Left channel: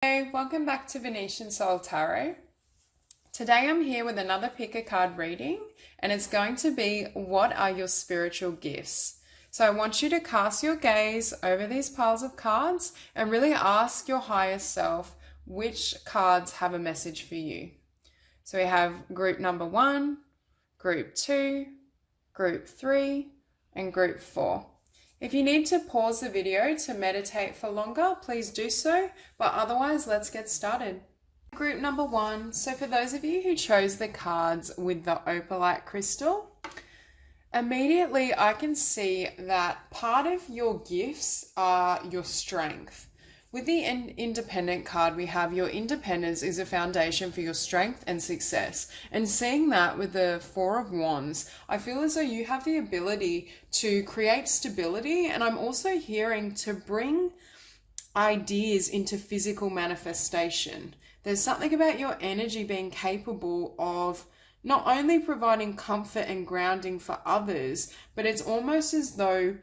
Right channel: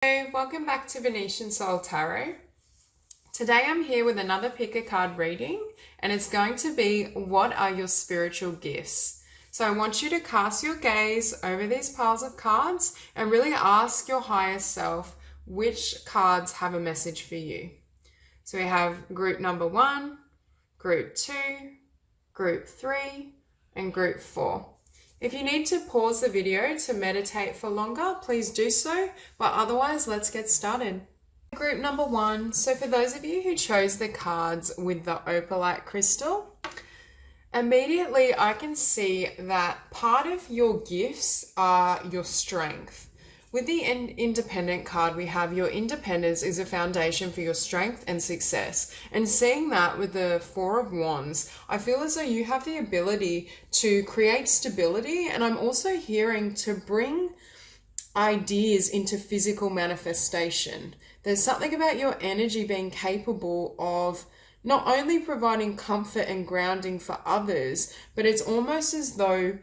Hey, welcome back to Venusian Soul Tarot. Today I'm here with another pick a card reading, and it's going to be what are your spiritual gifts? So I want you to cast your gaze over these piles of cards and really ask your higher self which cards have a message for you. So we have group number 1, group 2, group 3, and group 4. If you need to pause the video to meditate for longer, please do so, but otherwise let's get started. Group number 1, so for those of you who chose the cards with the Opalite crystal, immediately I can see that part of your gifts are your strength. With the independent card, we have your independence is a foundation for your strength and success. And seeing that with the Four of Wands, I feel as though you have the ability to create stability. And I'm also hearing to bring ideas into physical manifestation. There's something about your energy being capable of not only providing comfort and grounding for others, but it's almost as though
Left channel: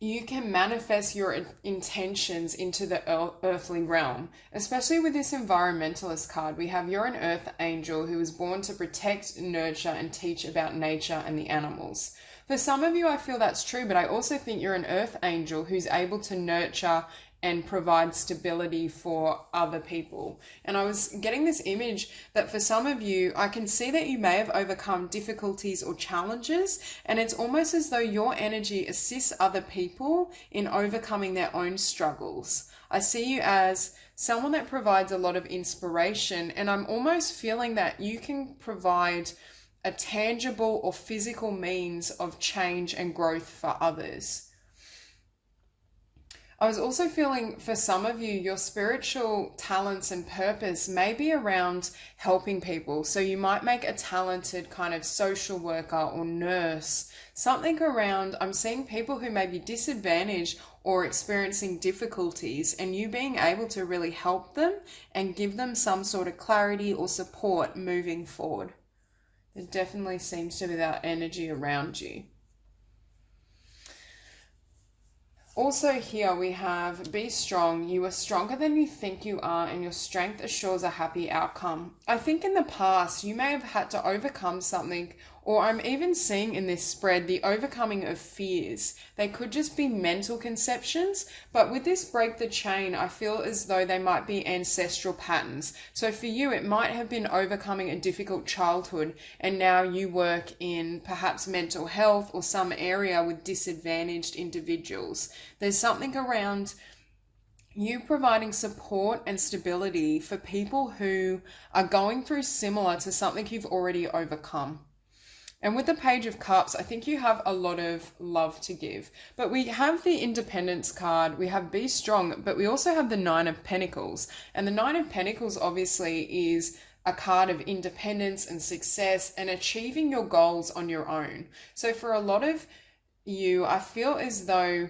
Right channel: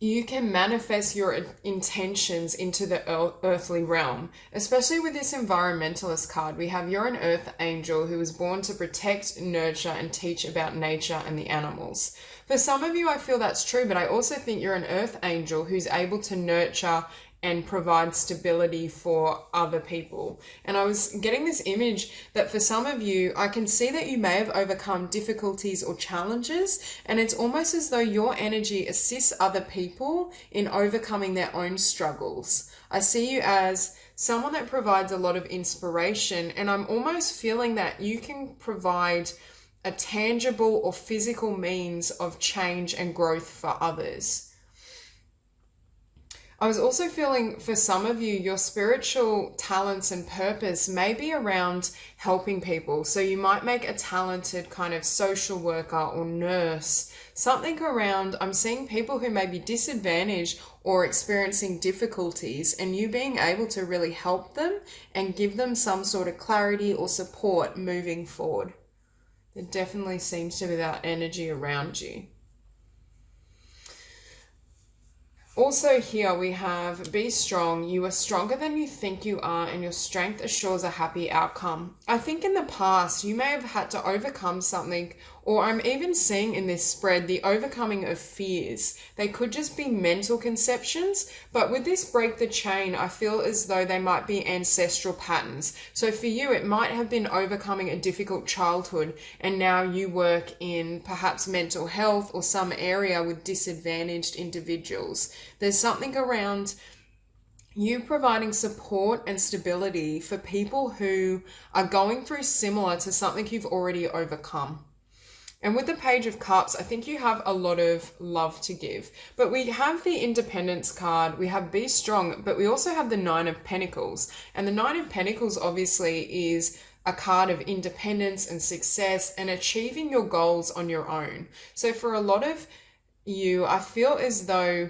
you can manifest your intentions into the earthly realm. Especially with this environmentalist card, we have you're an earth angel who was born to protect, nurture, and teach about nature and the animals. For some of you, I feel that's true, but I also think you're an earth angel who's able to nurture and provide stability for other people. And I was getting this image that for some of you, I can see that you may have overcome difficulties or challenges, and it's almost as though your energy assists other people in overcoming their own struggles. I see you as someone that provides a lot of inspiration, and I'm almost feeling that you can provide a tangible or physical means of change and growth for others. I was also feeling for some of you, your spiritual talents and purpose may be around helping people. So you might make a talented kind of social worker or nurse, something around, I'm seeing people who may be disadvantaged or experiencing difficulties, and you being able to really help them and give them some sort of clarity or support moving forward. There definitely seems to be that energy around you. Also here we have, be strong. You are stronger than you think you are, and your strength assures a happy outcome. I think in the past you may have had to overcome something, or I'm even seeing in this spread the overcoming of fears. They could just be mental conceptions, but with this break the chain, I feel as though they might be ancestral patterns. So for you, it might have been overcoming a difficult childhood, and now you work in perhaps mental health or some area with disadvantaged individuals. There's something around you providing support and stability for people who are going through similar to something you've already overcome. And with the Page of Cups, I think you have a lot of love to give. But we have the Independence card, we have Be Strong, but we also have the Nine of Pentacles. And the Nine of Pentacles obviously is a card of independence and success and achieving your goals on your own. So for a lot of you, I feel as though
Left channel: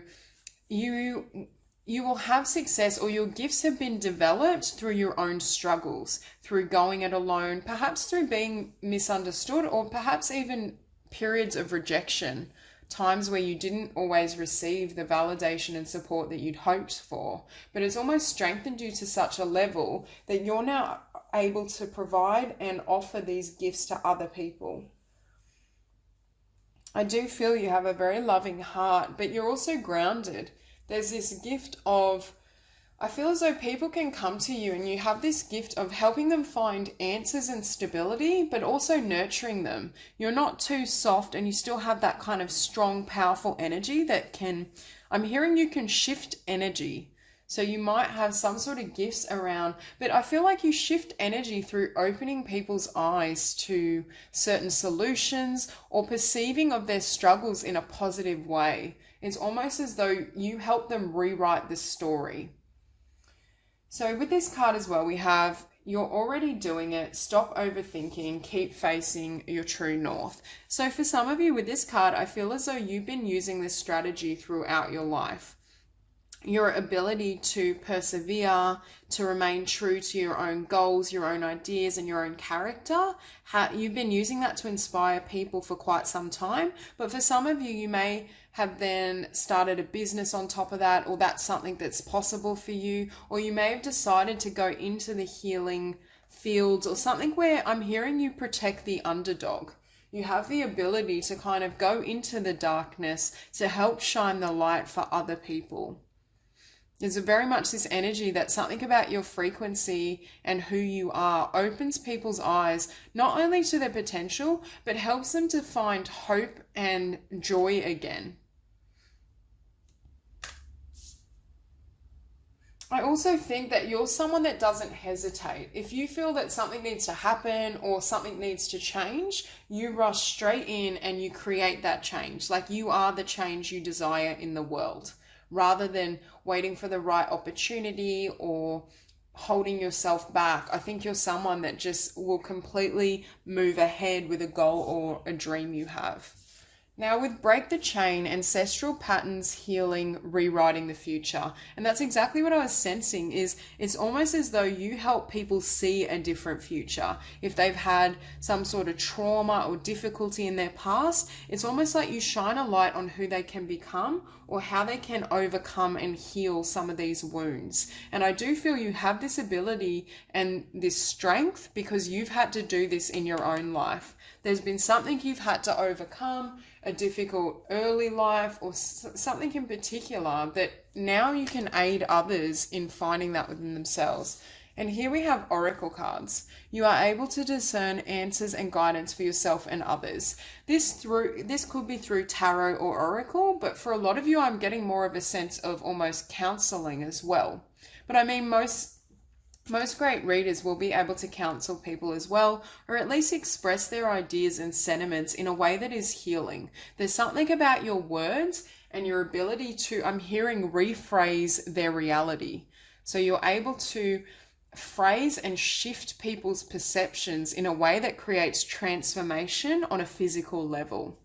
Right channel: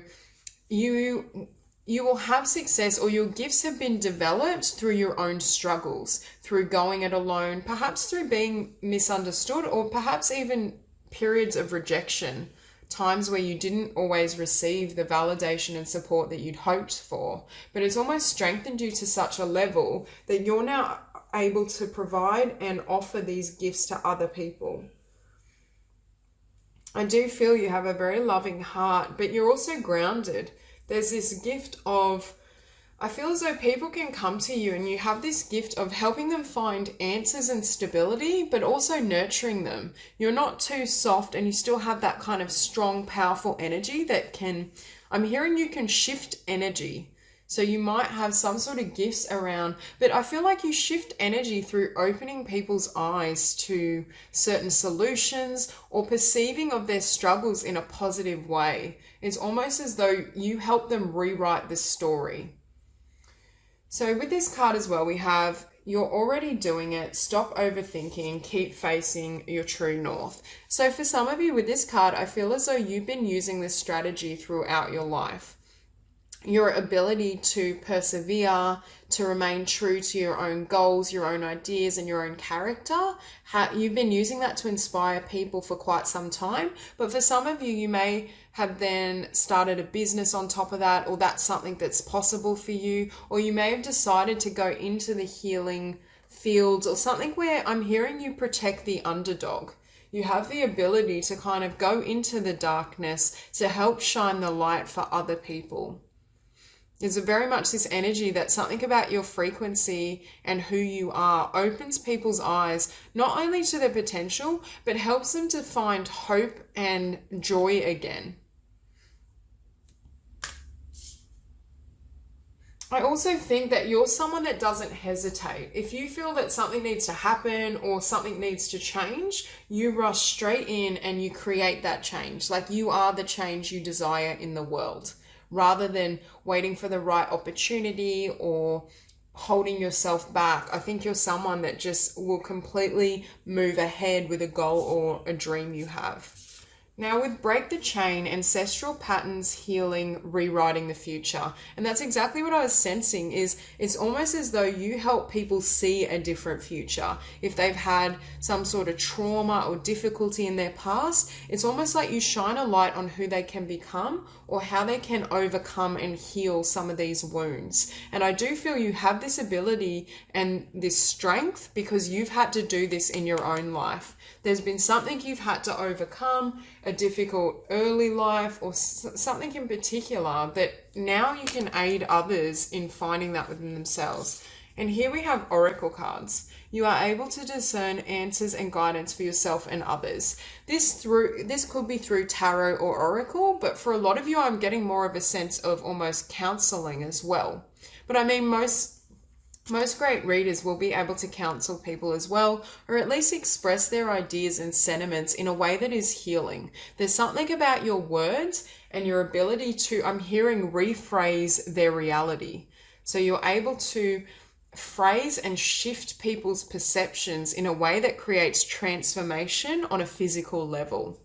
you will have success, or your gifts have been developed through your own struggles, through going it alone, perhaps through being misunderstood, or perhaps even periods of rejection, times where you didn't always receive the validation and support that you'd hoped for. But it's almost strengthened you to such a level that you're now able to provide and offer these gifts to other people. I do feel you have a very loving heart, but you're also grounded. There's this gift of, I feel as though people can come to you and you have this gift of helping them find answers and stability, but also nurturing them. You're not too soft, and you still have that kind of strong, powerful energy that can, I'm hearing you can shift energy. So you might have some sort of gifts around, but I feel like you shift energy through opening people's eyes to certain solutions or perceiving of their struggles in a positive way. It's almost as though you help them rewrite the story. So with this card as well, we have, you're already doing it, stop overthinking, keep facing your true north. So for some of you with this card, I feel as though you've been using this strategy throughout your life. your ability to persevere, to remain true to your own goals, your own ideas, and your own character. You've been using that to inspire people for quite some time, but for some of you, you may have then started a business on top of that, or that's something that's possible for you, or you may have decided to go into the healing fields or something where I'm hearing you protect the underdog. You have the ability to kind of go into the darkness to help shine the light for other people. There's very much this energy that something about your frequency and who you are opens people's eyes, not only to their potential, but helps them to find hope and joy again. I also think that you're someone that doesn't hesitate. If you feel that something needs to happen or something needs to change, you rush straight in and you create that change. Like you are the change you desire in the world, rather than waiting for the right opportunity or holding yourself back. I think you're someone that just will completely move ahead with a goal or a dream you have. Now with Break the Chain, ancestral patterns, healing, rewriting the future. And that's exactly what I was sensing, is it's almost as though you help people see a different future. If they've had some sort of trauma or difficulty in their past, it's almost like you shine a light on who they can become or how they can overcome and heal some of these wounds. And I do feel you have this ability and this strength because you've had to do this in your own life. There's been something you've had to overcome, a difficult early life or something in particular, that now you can aid others in finding that within themselves. And here we have oracle cards. You are able to discern answers and guidance for yourself and others. This could be through tarot or oracle, but for a lot of you, I'm getting more of a sense of almost counseling as well. But I mean, most great readers will be able to counsel people as well, or at least express their ideas and sentiments in a way that is healing. There's something about your words and your ability to, I'm hearing, rephrase their reality. So you're able to phrase and shift people's perceptions in a way that creates transformation on a physical level.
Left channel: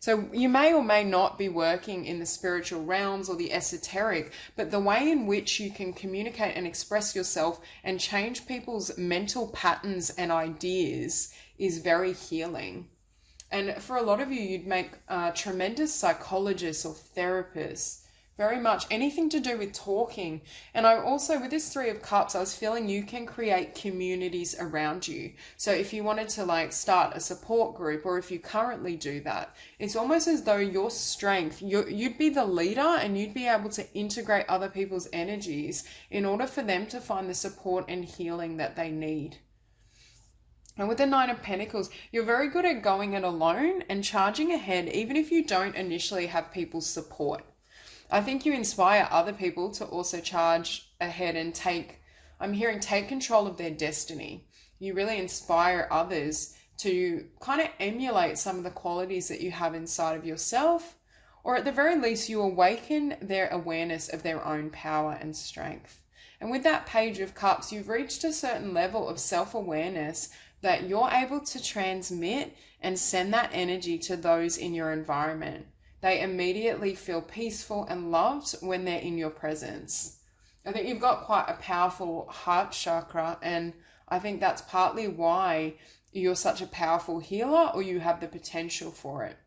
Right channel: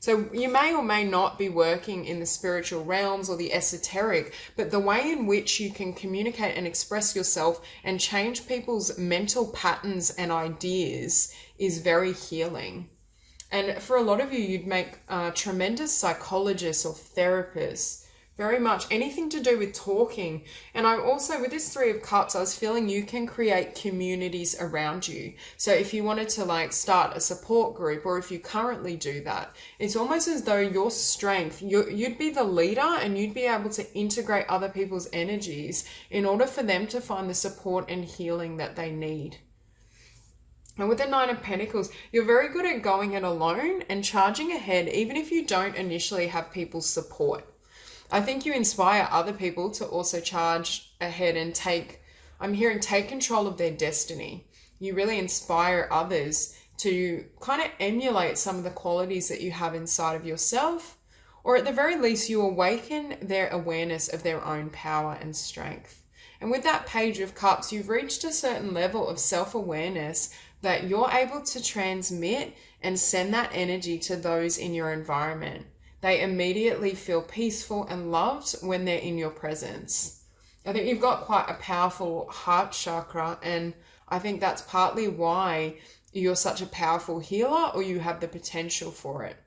So you may or may not be working in the spiritual realms or the esoteric, but the way in which you can communicate and express yourself and change people's mental patterns and ideas is very healing. And for a lot of you, you'd make tremendous psychologists or therapists. Very much anything to do with talking. And I also, with this Three of Cups, I was feeling you can create communities around you. So if you wanted to start a support group, or if you currently do that, it's almost as though your strength, you'd be the leader and you'd be able to integrate other people's energies in order for them to find the support and healing that they need. And with the Nine of Pentacles, you're very good at going it alone and charging ahead, even if you don't initially have people's support. I think you inspire other people to also charge ahead and take control of their destiny. You really inspire others to kind of emulate some of the qualities that you have inside of yourself, or at the very least, you awaken their awareness of their own power and strength. And with that Page of Cups, you've reached a certain level of self-awareness that you're able to transmit and send that energy to those in your environment. They immediately feel peaceful and loved when they're in your presence. I think you've got quite a powerful heart chakra, and I think that's partly why you're such a powerful healer, or you have the potential for it.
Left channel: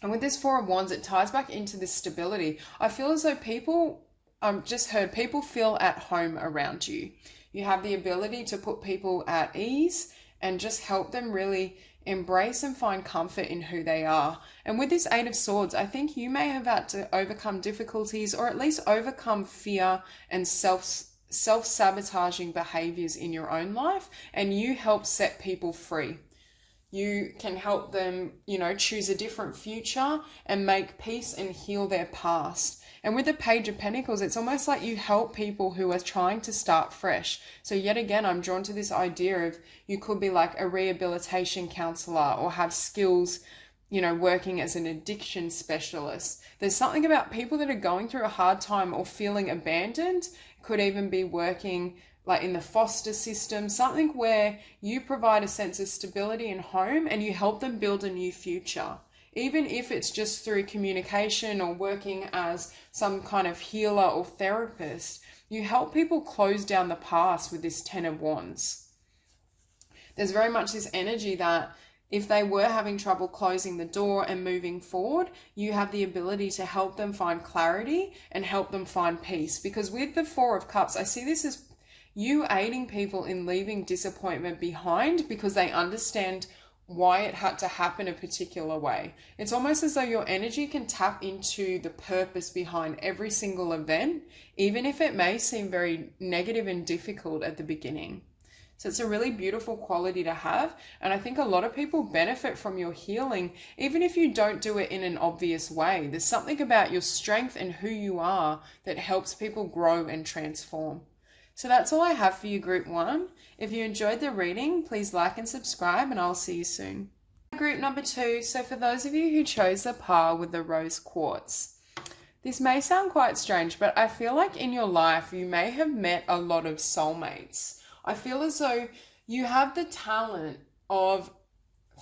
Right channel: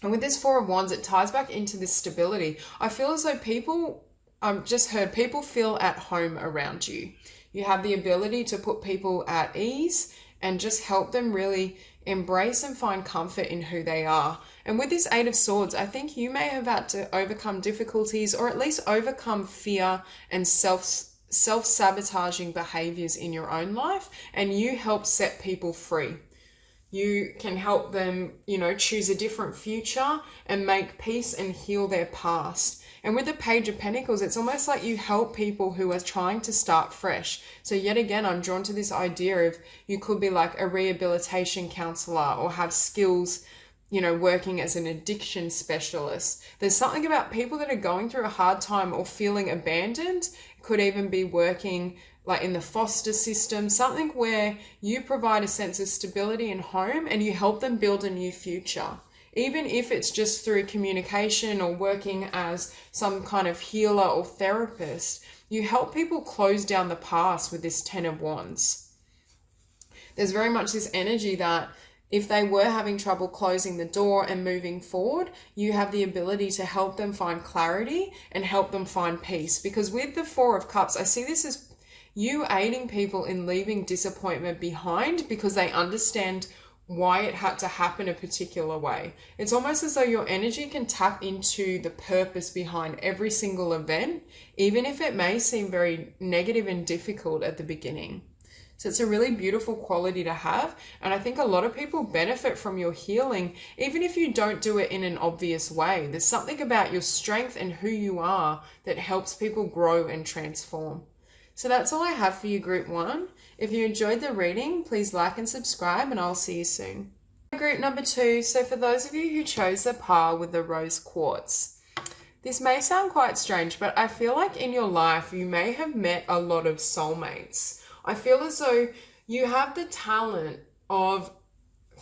And with this Four of Wands, it ties back into this stability. I feel as though people feel at home around you. You have the ability to put people at ease and just help them really embrace and find comfort in who they are. And with this Eight of Swords, I think you may have had to overcome difficulties, or at least overcome fear and self-sabotaging behaviors in your own life, and you help set people free. You can help them, choose a different future and make peace and heal their past. And with the Page of Pentacles, it's almost like you help people who are trying to start fresh. So yet again, I'm drawn to this idea of you could be like a rehabilitation counselor, or have skills, working as an addiction specialist. There's something about people that are going through a hard time or feeling abandoned. Could even be working like in the foster system, something where you provide a sense of stability and home and you help them build a new future. even if it's just through communication or working as some kind of healer or therapist, you help people close down the past with this Ten of Wands. There's very much this energy that if they were having trouble closing the door and moving forward, you have the ability to help them find clarity and help them find peace. Because with the Four of Cups, I see this as you aiding people in leaving disappointment behind because they understand why it had to happen a particular way. It's almost as though your energy can tap into the purpose behind every single event, even if it may seem very negative and difficult at the beginning. So it's a really beautiful quality to have. And I think a lot of people benefit from your healing, even if you don't do it in an obvious way. There's something about your strength and who you are that helps people grow and transform. So that's all I have for you, Group 1. If you enjoyed the reading, please like and subscribe, and I'll see you soon. Group number 2. So for those of you who chose the par with the rose quartz, this may sound quite strange, but I feel like in your life you may have met a lot of soulmates. I feel as though you have the talent of,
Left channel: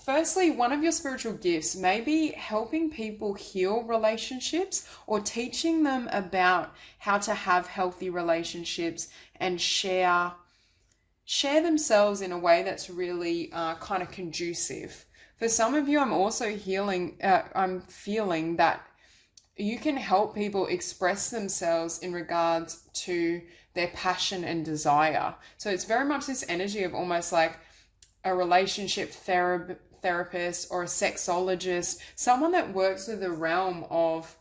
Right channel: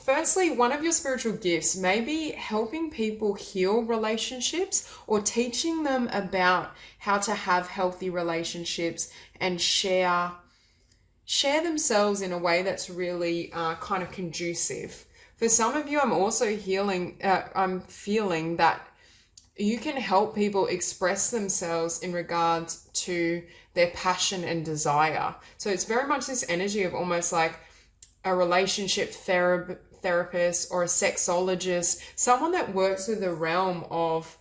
firstly, one of your spiritual gifts may be helping people heal relationships or teaching them about how to have healthy relationships and share themselves in a way that's really kind of conducive. For some of you, I'm also I'm feeling that you can help people express themselves in regards to their passion and desire. So it's very much this energy of almost like a relationship therapist or a sexologist, someone that works with the realm of,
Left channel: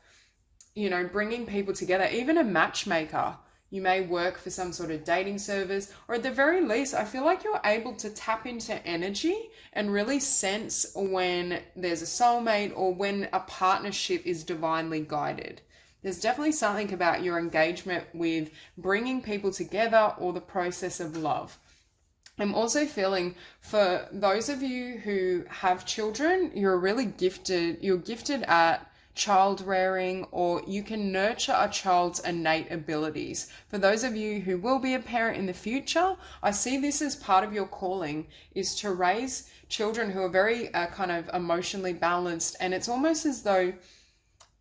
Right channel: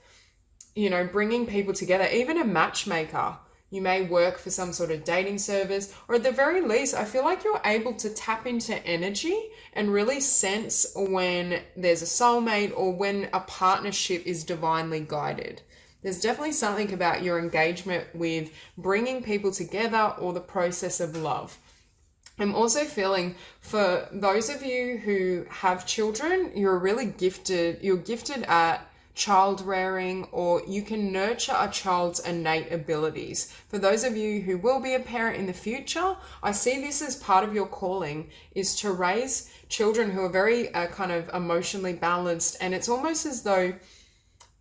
bringing people together, even a matchmaker. You may work for some sort of dating service, or at the very least, I feel like you're able to tap into energy and really sense when there's a soulmate or when a partnership is divinely guided. There's definitely something about your engagement with bringing people together or the process of love. I'm also feeling for those of you who have children, you're gifted at child rearing, or you can nurture a child's innate abilities. For those of you who will be a parent in the future, I see this as part of your calling is to raise children who are very kind of emotionally balanced. And it's almost as though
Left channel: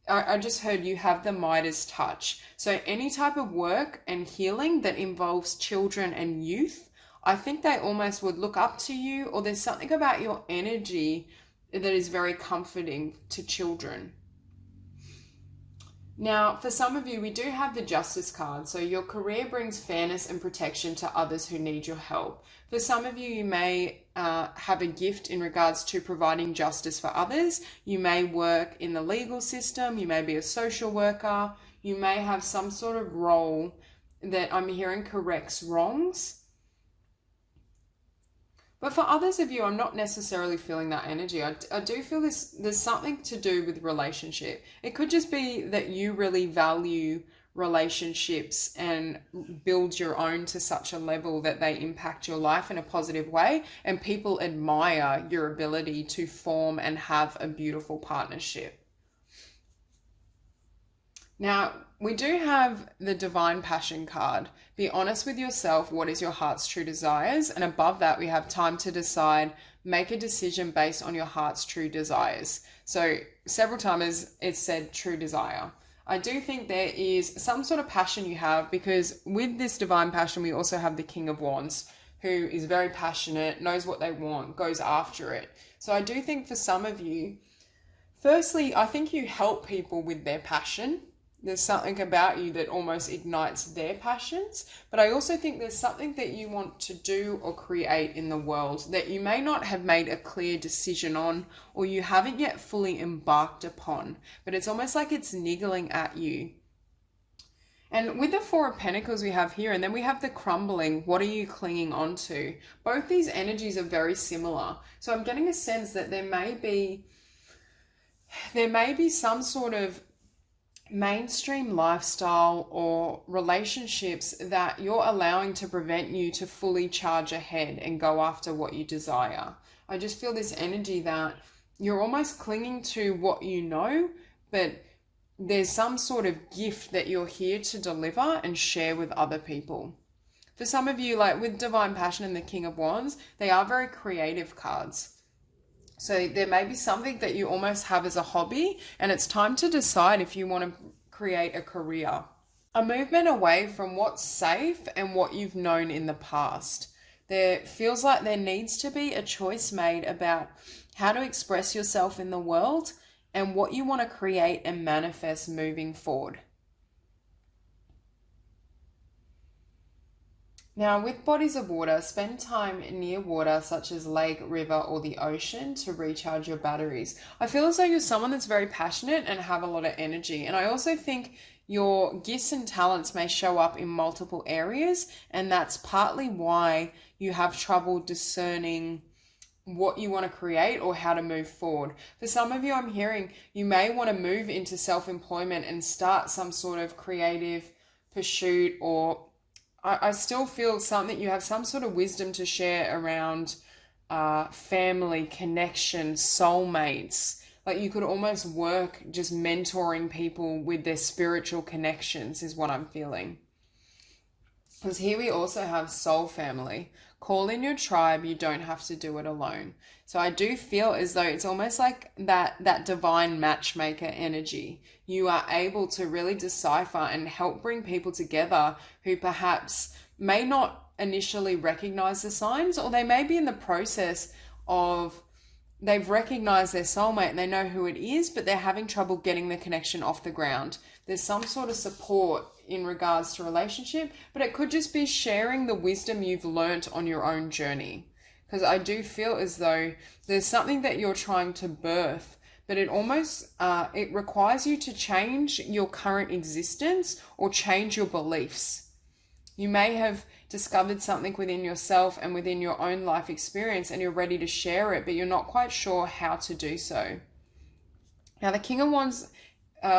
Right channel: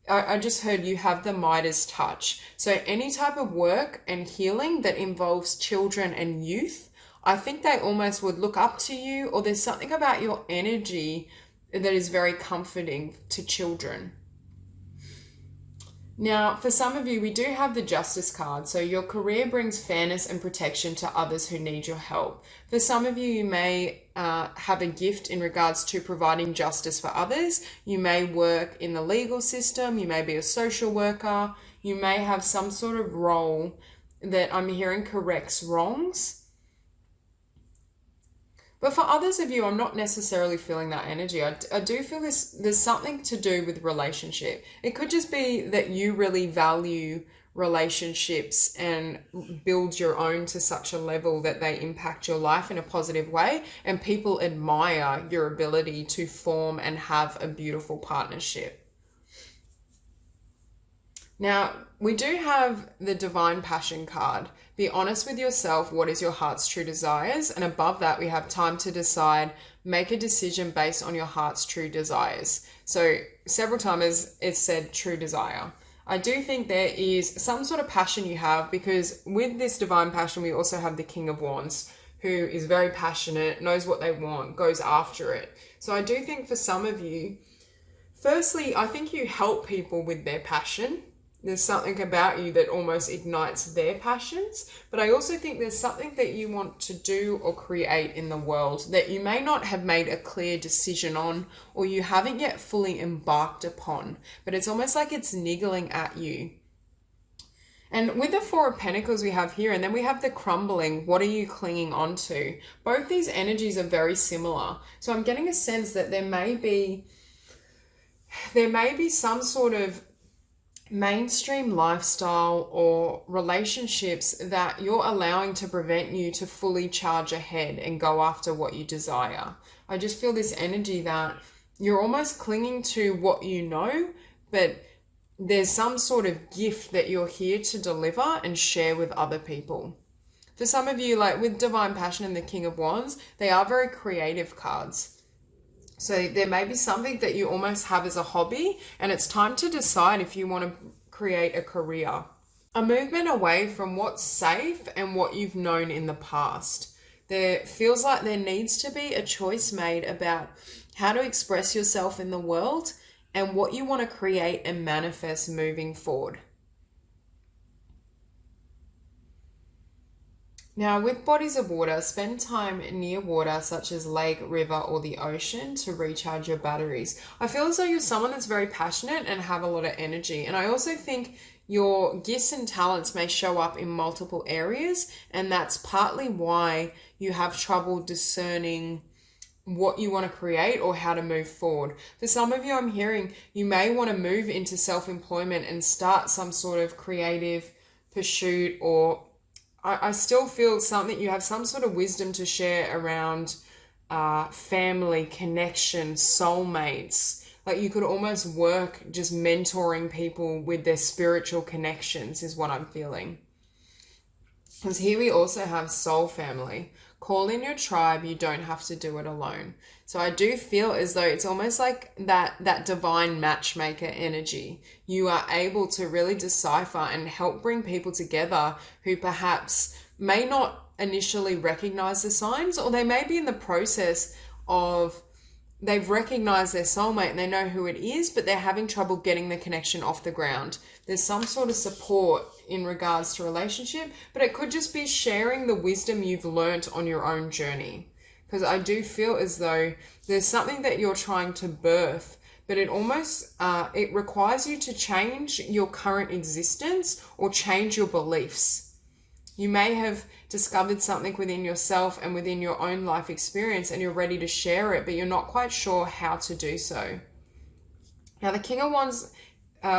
I just heard you have the Midas touch. So any type of work and healing that involves children and youth, I think they almost would look up to you, or there's something about your energy that is very comforting to children. Now, for some of you, we do have the Justice card. So your career brings fairness and protection to others who need your help. For some of you, you may have a gift in regards to providing justice for others. You may work in the legal system. You may be a social worker. You may have some sort of role that I'm hearing corrects wrongs. But for others of you, I'm not necessarily feeling that energy. I do feel there's something to do with relationship. It could just be that you really value relationships and build your own to such a level that they impact your life in a positive way, and people admire your ability to form and have a beautiful partnership. Now, we do have the Divine Passion card. Be honest with yourself. What is your heart's true desires? And above that, we have time to decide. Make a decision based on your heart's true desires. So several times it's said true desire. I do think there is some sort of passion you have, because with this Divine Passion, we also have the King of Wands, who is very passionate, knows what they want, goes after it. So I do think for some of you, firstly, I think you help people with their passion. There's something about you that almost ignites their passions. But I also think there's something that you want to do or create in the world that you may not have made a clear decision on, or you haven't yet fully embarked upon. But it's almost like it's niggling at you. And with the Four of Pentacles we have here, and then we have the crumbling, what are you clinging on to? Both these energies are very similar. So I'm getting a sense that there may be some sort of mainstream lifestyle or relationships that you're allowing to prevent you to fully charge ahead and go after what you desire. I just feel this energy that you're almost clinging to what you know, but there's some sort of gift that you're here to deliver and share with other people. For some of you, like with Divine Passion and the King of Wands, they are very creative cards. So there may be something that you almost have as a hobby, and it's time to decide if you want to create a career. A movement away from what's safe and what you've known in the past. There feels like there needs to be a choice made about how to express yourself in the world and what you want to create and manifest moving forward. Now, with bodies of water, spend time near water such as lake, river, or the ocean to recharge your batteries. I feel as though you're someone that's very passionate and have a lot of energy. And I also think your gifts and talents may show up in multiple areas, and that's partly why you have trouble discerning what you want to create or how to move forward. For some of you, I'm hearing you may want to move into self-employment and start some sort of creative pursuit, or I still feel something, you have some sort of wisdom to share around family, connection, soulmates. Like you could almost work just mentoring people with their spiritual connections is what I'm feeling. Because here we also have soul family. Call in your tribe, you don't have to do it alone. So I do feel as though it's almost like that divine matchmaker energy. You are able to really decipher and help bring people together who perhaps may not initially recognize the signs, or they may be in the process of they've recognized their soulmate and they know who it is, but they're having trouble getting the connection off the ground. There's some sort of support in regards to relationship, but it could just be sharing the wisdom you've learnt on your own journey. Because I do feel as though there's something that you're trying to birth, but it almost, it requires you to change your current existence or change your beliefs. You may have discovered something within yourself and within your own life experience, and you're ready to share it, but you're not quite sure how to do so. Now, the King of Wands,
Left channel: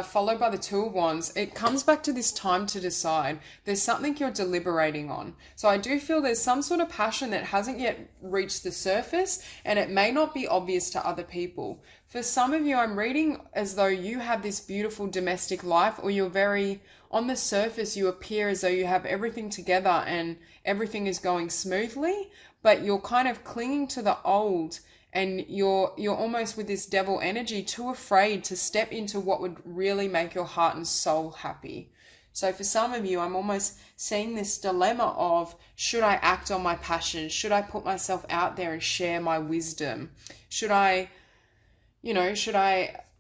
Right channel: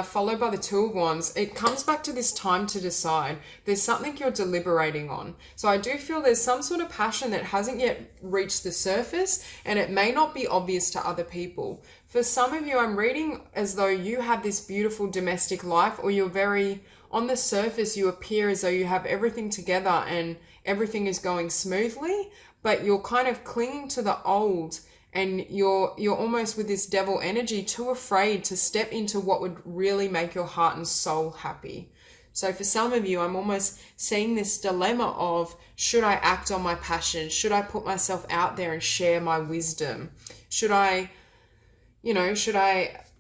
followed by the Two of Wands, it comes back to this time to decide. There's something you're deliberating on. So I do feel there's some sort of passion that hasn't yet reached the surface, and it may not be obvious to other people. For some of you, I'm reading as though you have this beautiful domestic life, or you're very, on the surface, you appear as though you have everything together and everything is going smoothly, but you're kind of clinging to the old, and you're almost with this devil energy, too afraid to step into what would really make your heart and soul happy. So for some of you, I'm almost seeing this dilemma of, should I act on my passion? Should I put myself out there and share my wisdom? Should I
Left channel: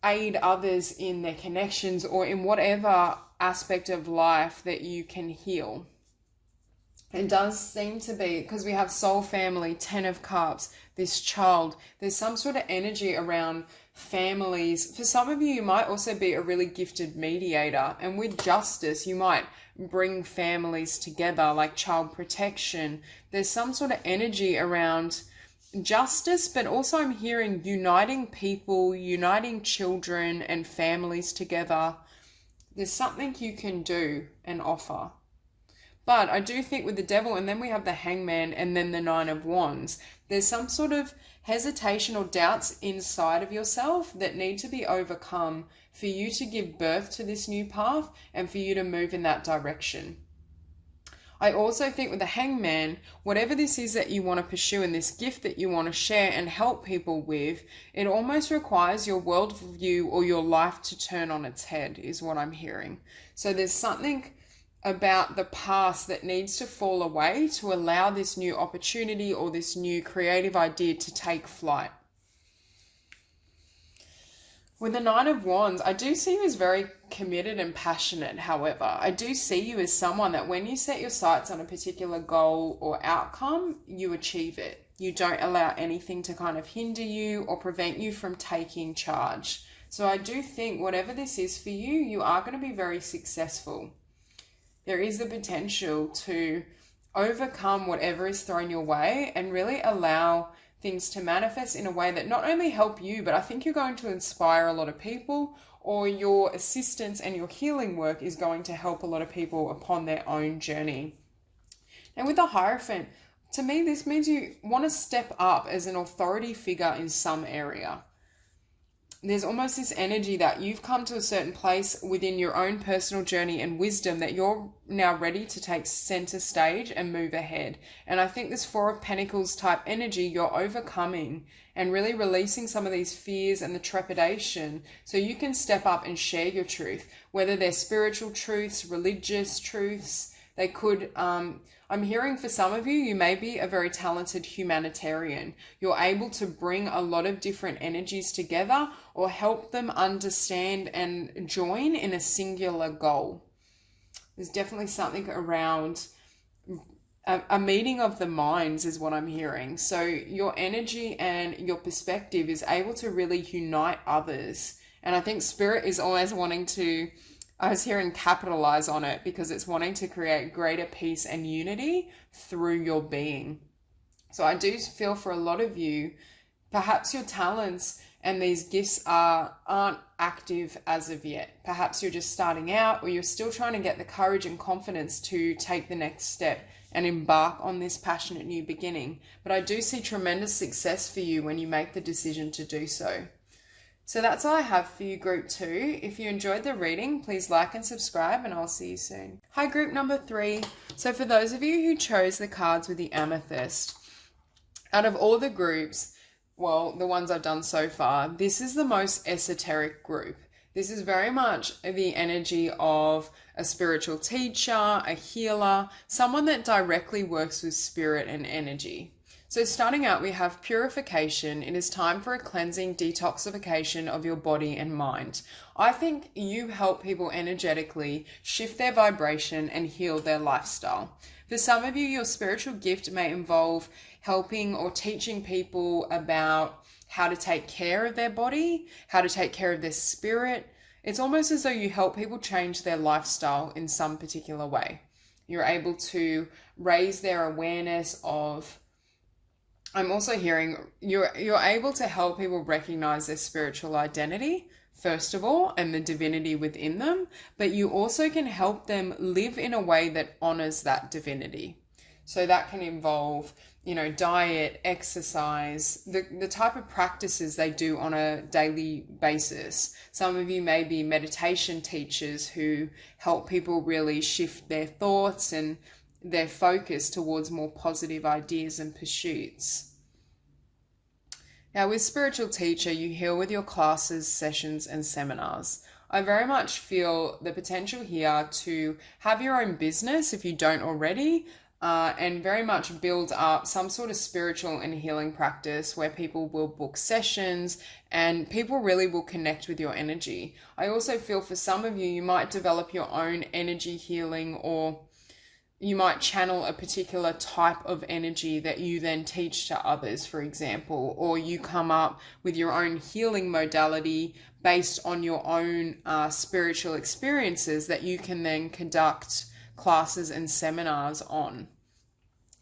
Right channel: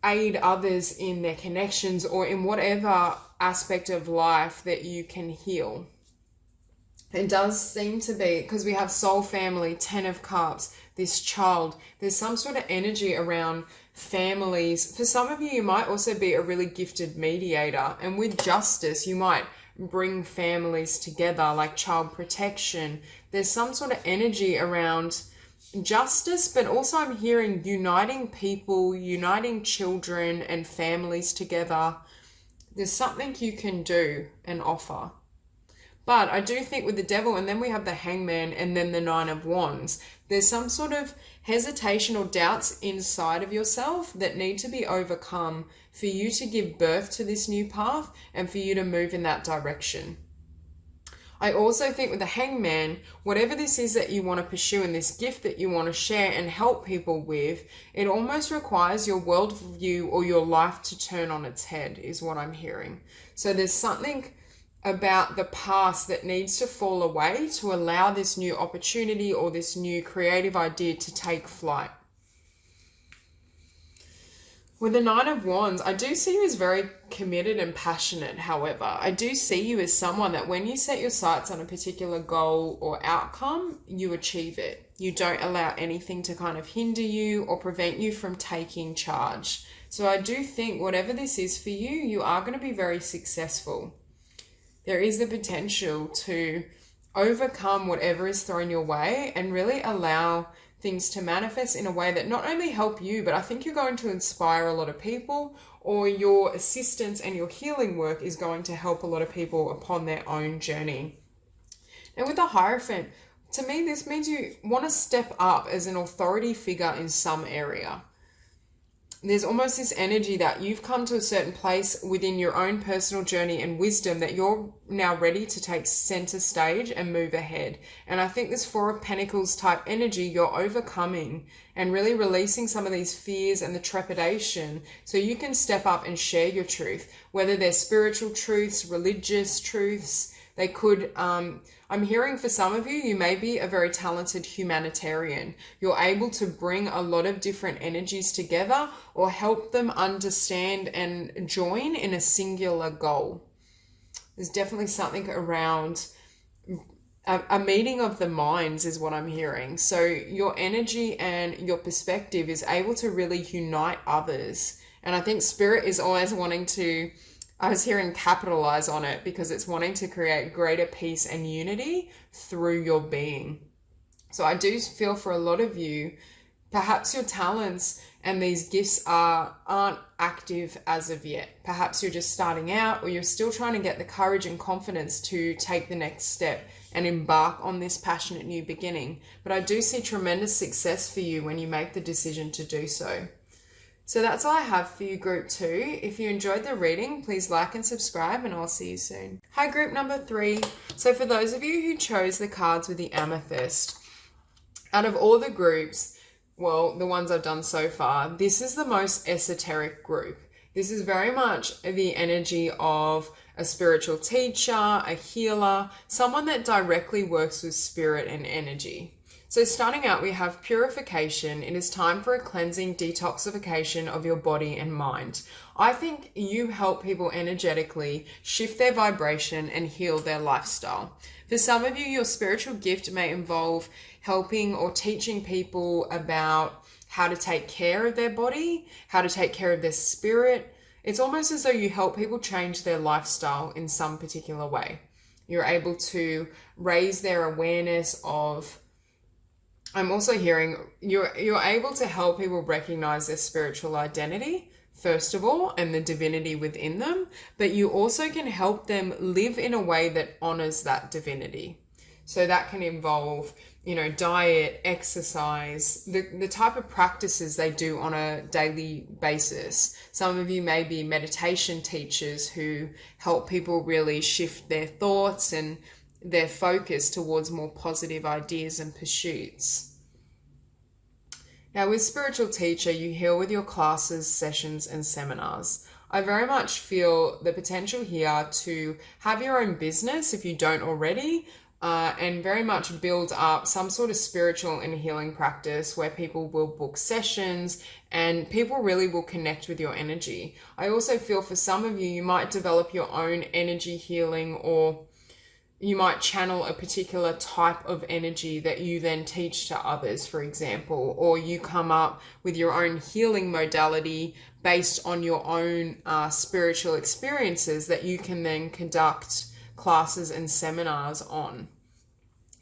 aid others in their connections or in whatever aspect of life that you can heal? It does seem to be, because we have soul family, 10 of Cups, this child, there's some sort of energy around families. For some of you, you might also be a really gifted mediator, and with justice, you might bring families together, like child protection. There's some sort of energy around justice, but also I'm hearing uniting people, uniting children and families together. There's something you can do and offer. But I do think with the devil, and then we have the Hangman and then the Nine of Wands, there's some sort of hesitation or doubts inside of yourself that need to be overcome for you to give birth to this new path and for you to move in that direction. I also think with the Hangman, whatever this is that you want to pursue and this gift that you want to share and help people with, it almost requires your worldview or your life to turn on its head, is what I'm hearing. So there's something about the past that needs to fall away to allow this new opportunity or this new creative idea to take flight. With the Nine of Wands, I do see you as very committed and passionate. However, I do see you as someone that when you set your sights on a particular goal or outcome, you achieve it. You don't allow anything to kind of hinder you or prevent you from taking charge. So I do think whatever this is for you, you are going to be very successful. There is the potential to overcome whatever is thrown your way and really allow things to manifest in a way that not only help you, but I think you're going to inspire a lot of people, or your assistance and your healing work is going to help a lot of people upon their own journey. And with the Hierophant, to me, this means you want to step up as an authority figure in some area. there's almost this energy that you've come to a certain place within your own personal journey and wisdom that you're now ready to take center stage and move ahead. And I think this Four of Pentacles type energy, you're overcoming and really releasing some of these fears and the trepidation so you can step up and share your truth, whether they're spiritual truths, religious truths. They could, I'm hearing for some of you, you may be a very talented humanitarian. You're able to bring a lot of different energies together or help them understand and join in a singular goal. There's definitely something around a meeting of the minds is what I'm hearing. So your energy and your perspective is able to really unite others. And I think Spirit is always wanting to, I was hearing capitalize on it because it's wanting to create greater peace and unity through your being. So I do feel for a lot of you, perhaps your talents and these gifts aren't active as of yet. Perhaps you're just starting out, or you're still trying to get the courage and confidence to take the next step and embark on this passionate new beginning. But I do see tremendous success for you when you make the decision to do so. So that's all I have for you, Group 2. If you enjoyed the reading, please like and subscribe, and I'll see you soon. Hi, Group number 3. So for those of you who chose the cards with the Amethyst, out of all the groups, well, the ones I've done so far, this is the most esoteric group. This is very much the energy of a spiritual teacher, a healer, someone that directly works with spirit and energy. So starting out, we have purification. It is time for a cleansing detoxification of your body and mind. I think you help people energetically shift their vibration and heal their lifestyle. For some of you, your spiritual gift may involve helping or teaching people about how to take care of their body, how to take care of their spirit. It's almost as though you help people change their lifestyle in some particular way. You're able to raise their awareness of, I'm also hearing you're able to help people recognize their spiritual identity, first of all, and the divinity within them, but you also can help them live in a way that honors that divinity. So that can involve, diet, exercise, the type of practices they do on a daily basis. Some of you may be meditation teachers who help people really shift their thoughts and their focus towards more positive ideas and pursuits. Now, with spiritual teacher, you heal with your classes, sessions, and seminars. I very much feel the potential here to have your own business if you don't already, and very much build up some sort of spiritual and healing practice where people will book sessions and people really will connect with your energy. I also feel for some of you, you might develop your own energy healing, or you might channel a particular type of energy that you then teach to others, for example, or you come up with your own healing modality based on your own spiritual experiences that you can then conduct classes and seminars on.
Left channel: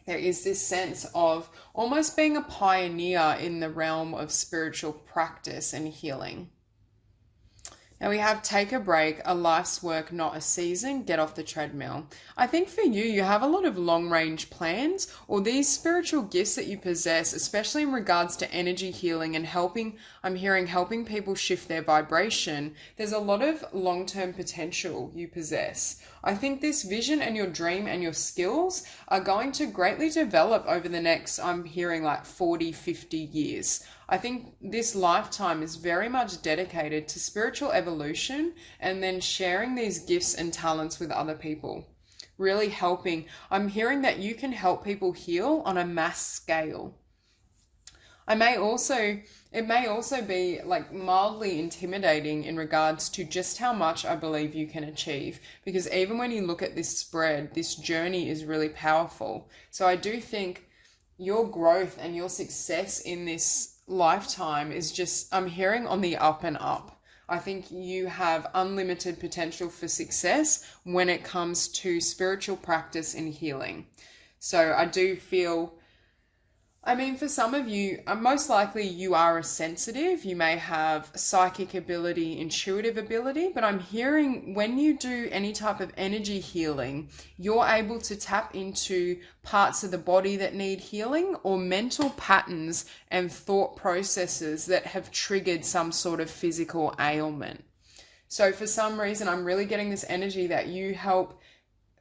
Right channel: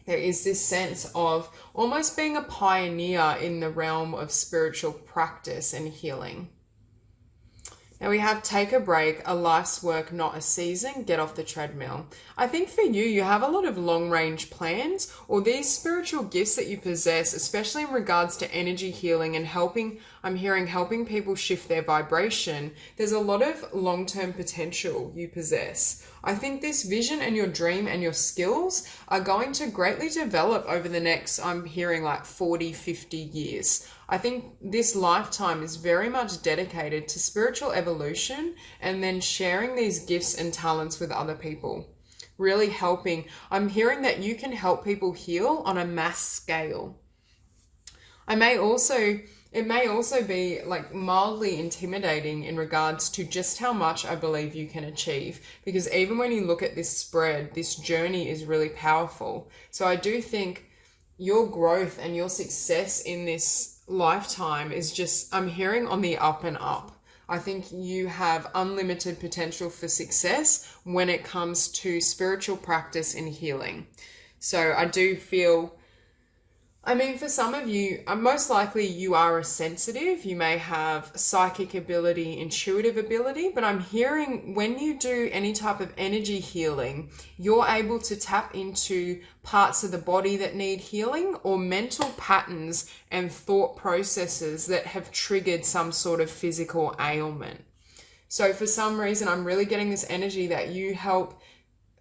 There is this sense of almost being a pioneer in the realm of spiritual practice and healing. Now we have take a break, a life's work, not a season, get off the treadmill. I think for you, you have a lot of long range plans, or these spiritual gifts that you possess, especially in regards to energy healing and helping people shift their vibration. There's a lot of long-term potential you possess. I think this vision and your dream and your skills are going to greatly develop over the next, I'm hearing like 40, 50 years. I think this lifetime is very much dedicated to spiritual evolution and then sharing these gifts and talents with other people. Really helping. I'm hearing that you can help people heal on a mass scale. It may also be like mildly intimidating in regards to just how much I believe you can achieve, because even when you look at this spread, this journey is really powerful. So I do think your growth and your success in this lifetime is just, I'm hearing, on the up and up. I think you have unlimited potential for success when it comes to spiritual practice and healing. So I do feel I mean, for some of you, most likely you are a sensitive. You may have psychic ability, intuitive ability, but I'm hearing when you do any type of energy healing, you're able to tap into parts of the body that need healing or mental patterns and thought processes that have triggered some sort of physical ailment. So for some reason, I'm really getting this energy that you help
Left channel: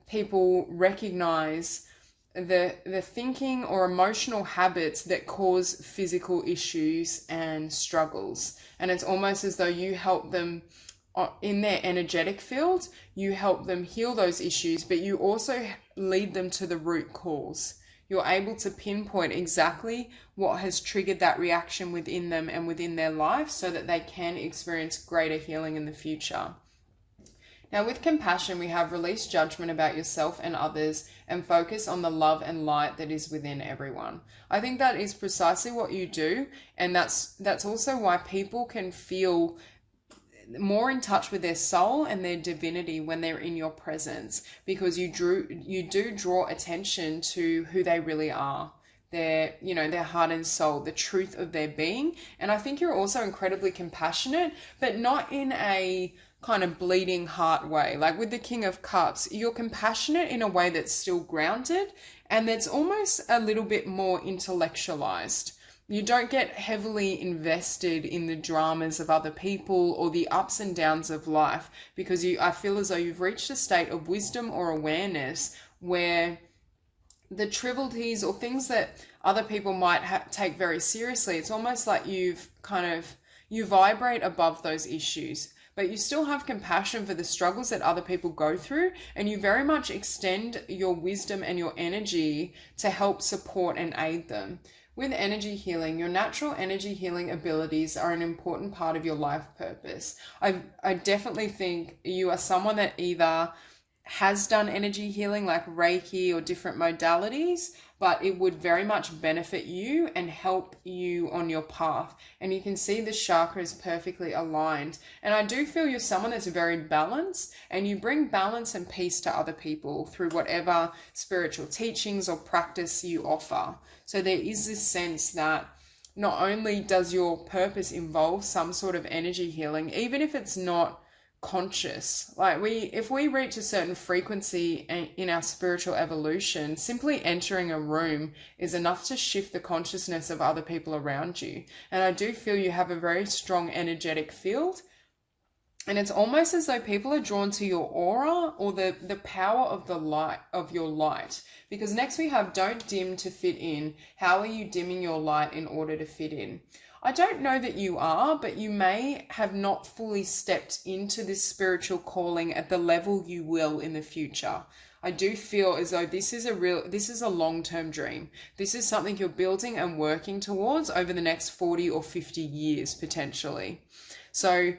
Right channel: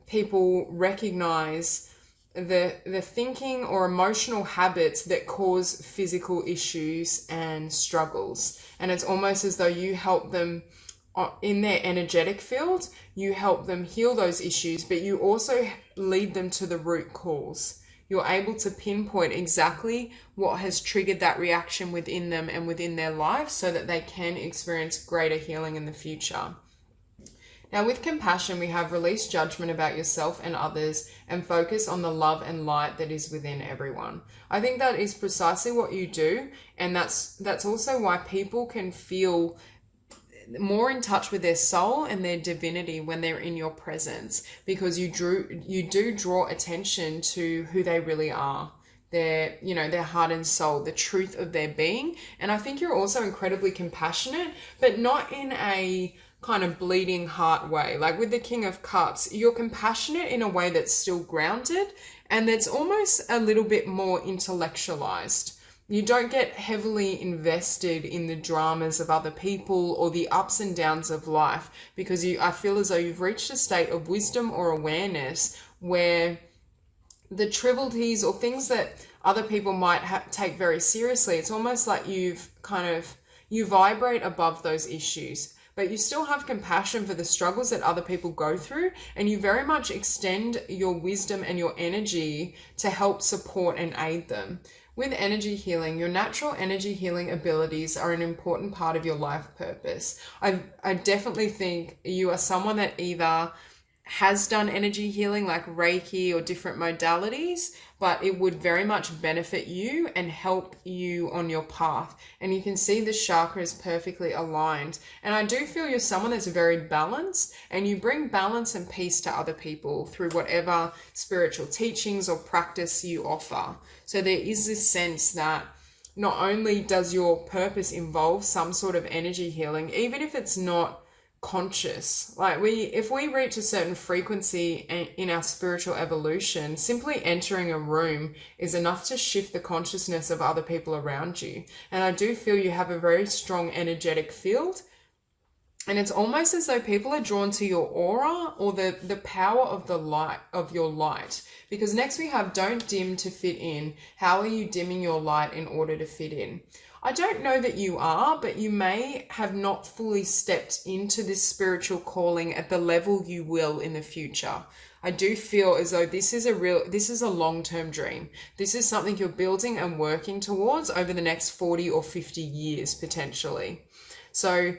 people recognize the thinking or emotional habits that cause physical issues and struggles. And it's almost as though you help them in their energetic field, you help them heal those issues, but you also lead them to the root cause. You're able to pinpoint exactly what has triggered that reaction within them and within their life so that they can experience greater healing in the future. Now, with compassion, we have release judgment about yourself and others and focus on the love and light that is within everyone. I think that is precisely what you do, and that's also why people can feel more in touch with their soul and their divinity when they're in your presence, because you do draw attention to who they really are. Their heart and soul, the truth of their being. And I think you're also incredibly compassionate, but not in a kind of bleeding heart way. Like with the King of Cups, you're compassionate in a way that's still grounded and that's almost a little bit more intellectualized. You don't get heavily invested in the dramas of other people or the ups and downs of life, because I feel as though you've reached a state of wisdom or awareness where the trivialities or things that other people might take very seriously, it's almost like you vibrate above those issues, but you still have compassion for the struggles that other people go through, and you very much extend your wisdom and your energy to help support and aid them. With energy healing, your natural energy healing abilities are an important part of your life purpose. I definitely think you are someone that either has done energy healing like Reiki or different modalities, but it would very much benefit you and help you on your path. And you can see the chakras perfectly aligned. And I do feel you're someone that's very balanced, and you bring balance and peace to other people through whatever spiritual teachings or practice you offer. So there is this sense that not only does your purpose involve some sort of energy healing, even if it's not conscious, like if we reach a certain frequency in our spiritual evolution, simply entering a room is enough to shift the consciousness of other people around you. And I do feel you have a very strong energetic field, and it's almost as though people are drawn to your aura or the power of the light of your light. Because next we have don't dim to fit in. How are you dimming your light in order to fit in? I don't know that you are, but you may have not fully stepped into this spiritual calling at the level you will in the future. I do feel as though this is a long-term dream. This is something you're building and working towards over the next 40 or 50 years, potentially. So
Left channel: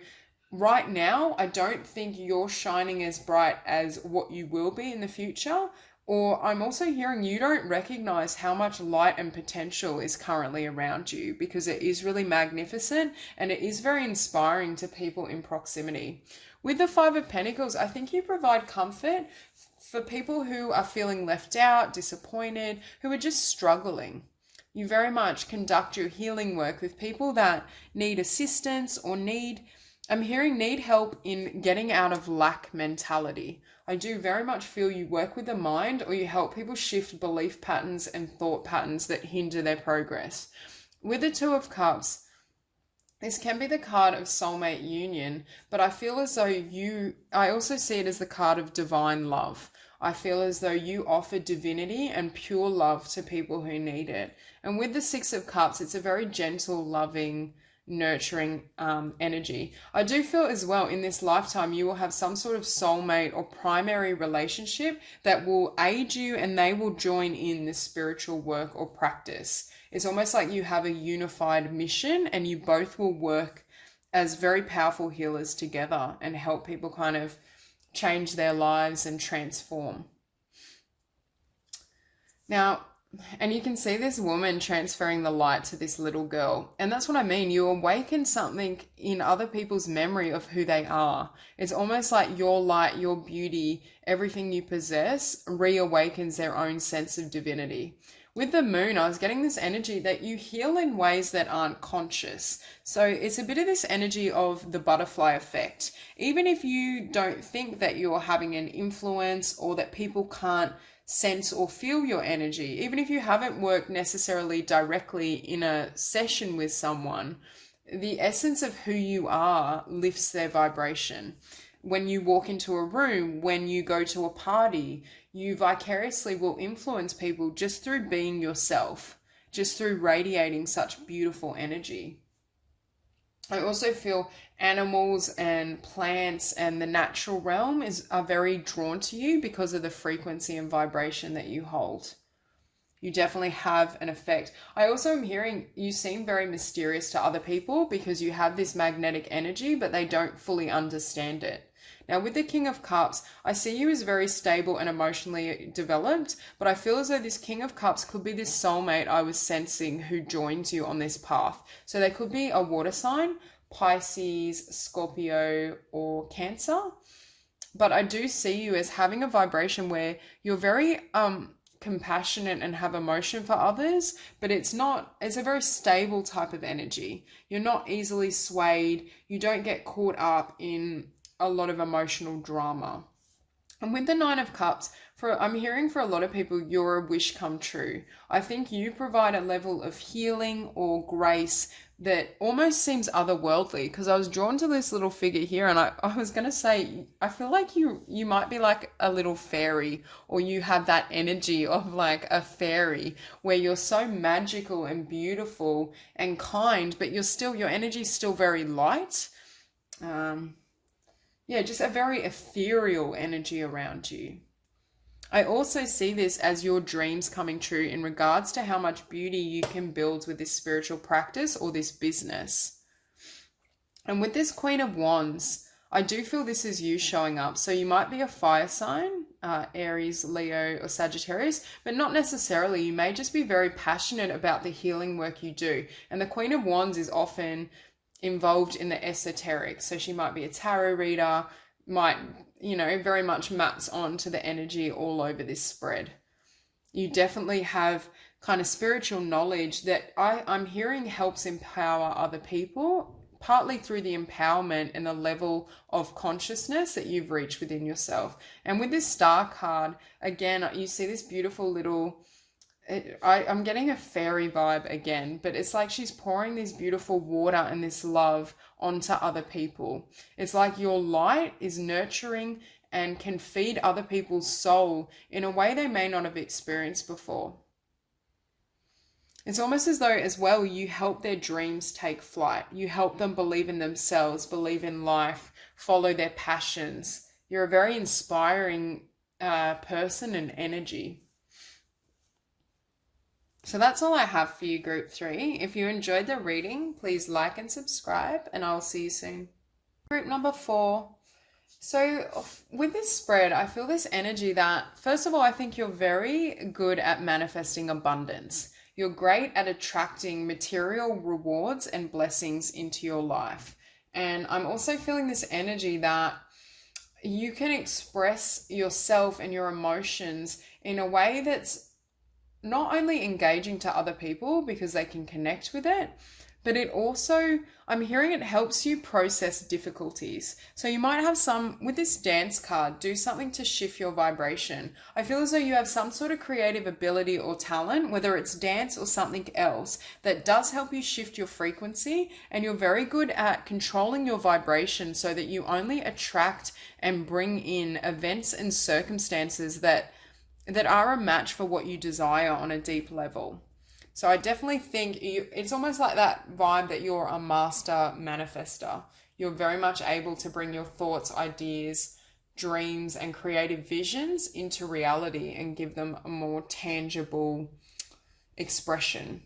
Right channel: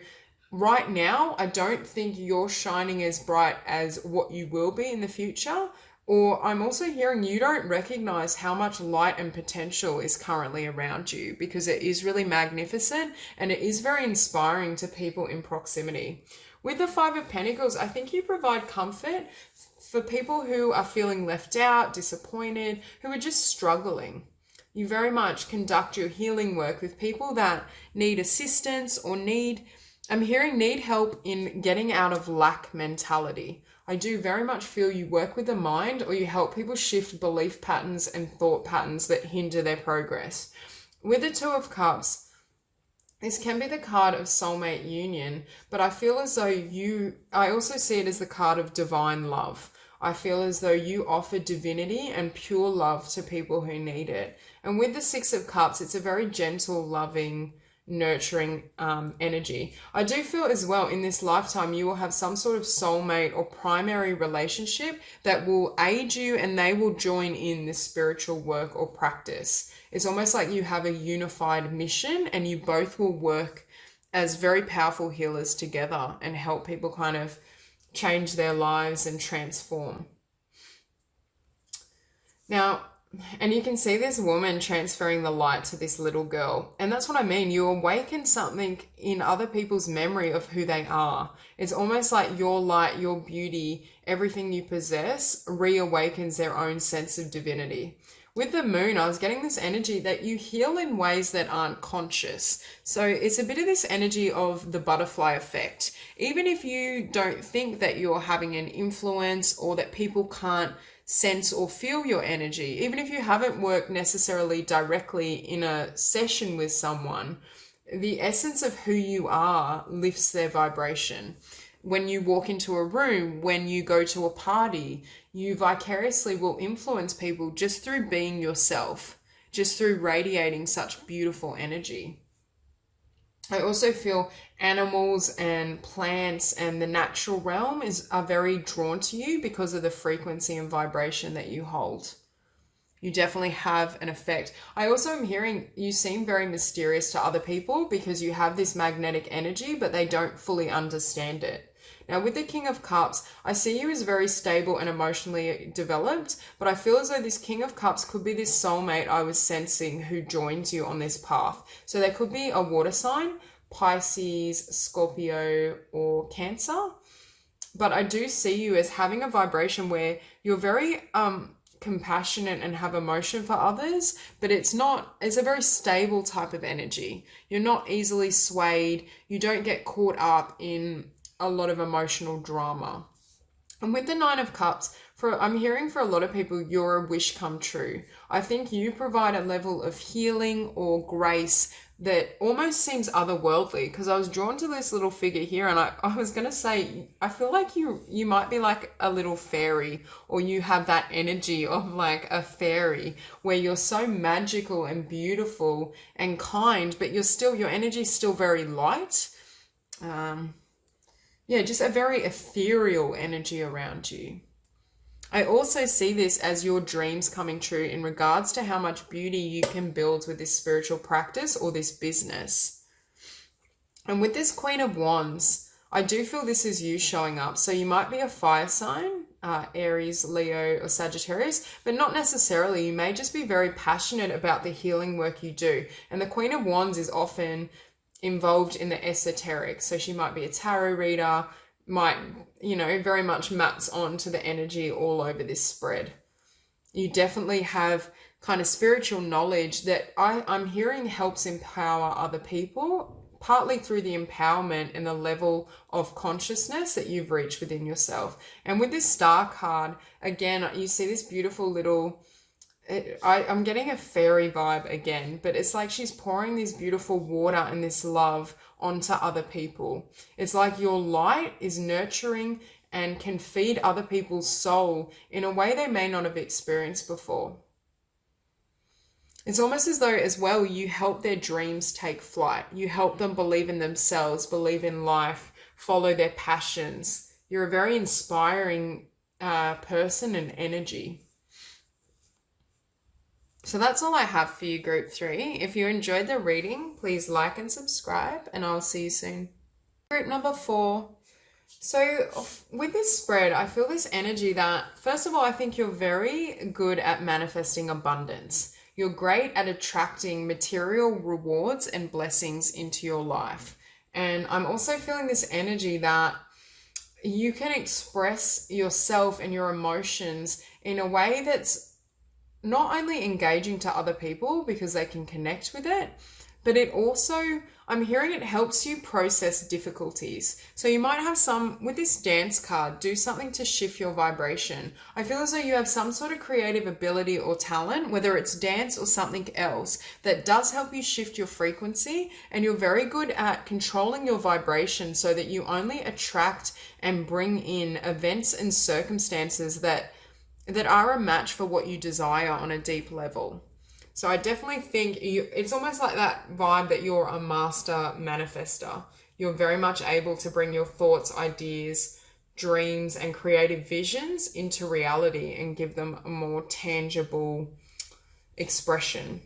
right now, I don't think you're shining as bright as what you will be in the future. Or I'm also hearing you don't recognize how much light and potential is currently around you, because it is really magnificent and it is very inspiring to people in proximity. With the Five of Pentacles, I think you provide comfort for people who are feeling left out, disappointed, who are just struggling. You very much conduct your healing work with people that need assistance or need help in getting out of lack mentality. I do very much feel you work with the mind, or you help people shift belief patterns and thought patterns that hinder their progress. With the Two of Cups, this can be the card of soulmate union, but I feel as though I also see it as the card of divine love. I feel as though you offer divinity and pure love to people who need it. And with the Six of Cups, it's a very gentle, loving, nurturing energy. I do feel as well in this lifetime you will have some sort of soulmate or primary relationship that will aid you, and they will join in this spiritual work or practice. It's almost like you have a unified mission, and you both will work as very powerful healers together and help people kind of change their lives and transform. Now, and you can see this woman transferring the light to this little girl. And that's what I mean. You awaken something in other people's memory of who they are. It's almost like your light, your beauty, everything you possess reawakens their own sense of divinity. With the moon, I was getting this energy that you heal in ways that aren't conscious. So it's a bit of this energy of the butterfly effect. Even if you don't think that you're having an influence or that people can't sense or feel your energy, even if you haven't worked necessarily directly in a session with someone, the essence of who you are lifts their vibration. When you walk into a room, when you go to a party, you vicariously will influence people just through being yourself, just through radiating such beautiful energy. I also feel animals and plants and the natural realm are very drawn to you because of the frequency and vibration that you hold. You definitely have an effect. I also am hearing you seem very mysterious to other people because you have this magnetic energy, but they don't fully understand it. Now, with the King of Cups, I see you as very stable and emotionally developed, but I feel as though this King of Cups could be this soulmate I was sensing who joins you on this path. So there could be a water sign, Pisces, Scorpio, or Cancer. But I do see you as having a vibration where you're very compassionate and have emotion for others, but it's a very stable type of energy. You're not easily swayed. You don't get caught up in a lot of emotional drama. And with the Nine of Cups, I'm hearing for a lot of people, you're a wish come true. I think you provide a level of healing or grace that almost seems otherworldly, because I was drawn to this little figure here, and I was going to say, I feel like you might be like a little fairy, or you have that energy of like a fairy where you're so magical and beautiful and kind, but your energy's still very light. Just a very ethereal energy around you. I also see this as your dreams coming true in regards to how much beauty you can build with this spiritual practice or this business. And with this Queen of Wands, I do feel this is you showing up. So you might be a fire sign, Aries, Leo, or Sagittarius, but not necessarily. You may just be very passionate about the healing work you do. And the Queen of Wands is often involved in the esoteric. So she might be a tarot reader, might, very much maps onto the energy all over this spread. You definitely have kind of spiritual knowledge that I'm hearing helps empower other people, partly through the empowerment and the level of consciousness that you've reached within yourself. And with this Star card, again, you see this beautiful little, I'm getting a fairy vibe again, but it's like she's pouring this beautiful water and this love onto other people. It's like your light is nurturing and can feed other people's soul in a way they may not have experienced before. It's almost as though as well you help their dreams take flight. You help them believe in themselves, believe in life, follow their passions. You're a very inspiring person and energy. So that's all I have for you, Group 3. If you enjoyed the reading, please like and subscribe, and I'll see you soon. Group number 4. So with this spread, I feel this energy that, first of all, I think you're very good at manifesting abundance. You're great at attracting material rewards and blessings into your life. And I'm also feeling this energy that you can express yourself and your emotions in a way that's not only engaging to other people because they can connect with it, but it also, I'm hearing it helps you process difficulties. So you might have with this Dance card, do something to shift your vibration. I feel as though you have some sort of creative ability or talent, whether it's dance or something else, that does help you shift your frequency, and you're very good at controlling your vibration so that you only attract and bring in events and circumstances that are a match for what you desire on a deep level. So I definitely think it's almost like that vibe that you're a master manifester. You're very much able to bring your thoughts, ideas, dreams, and creative visions into reality and give them a more tangible expression.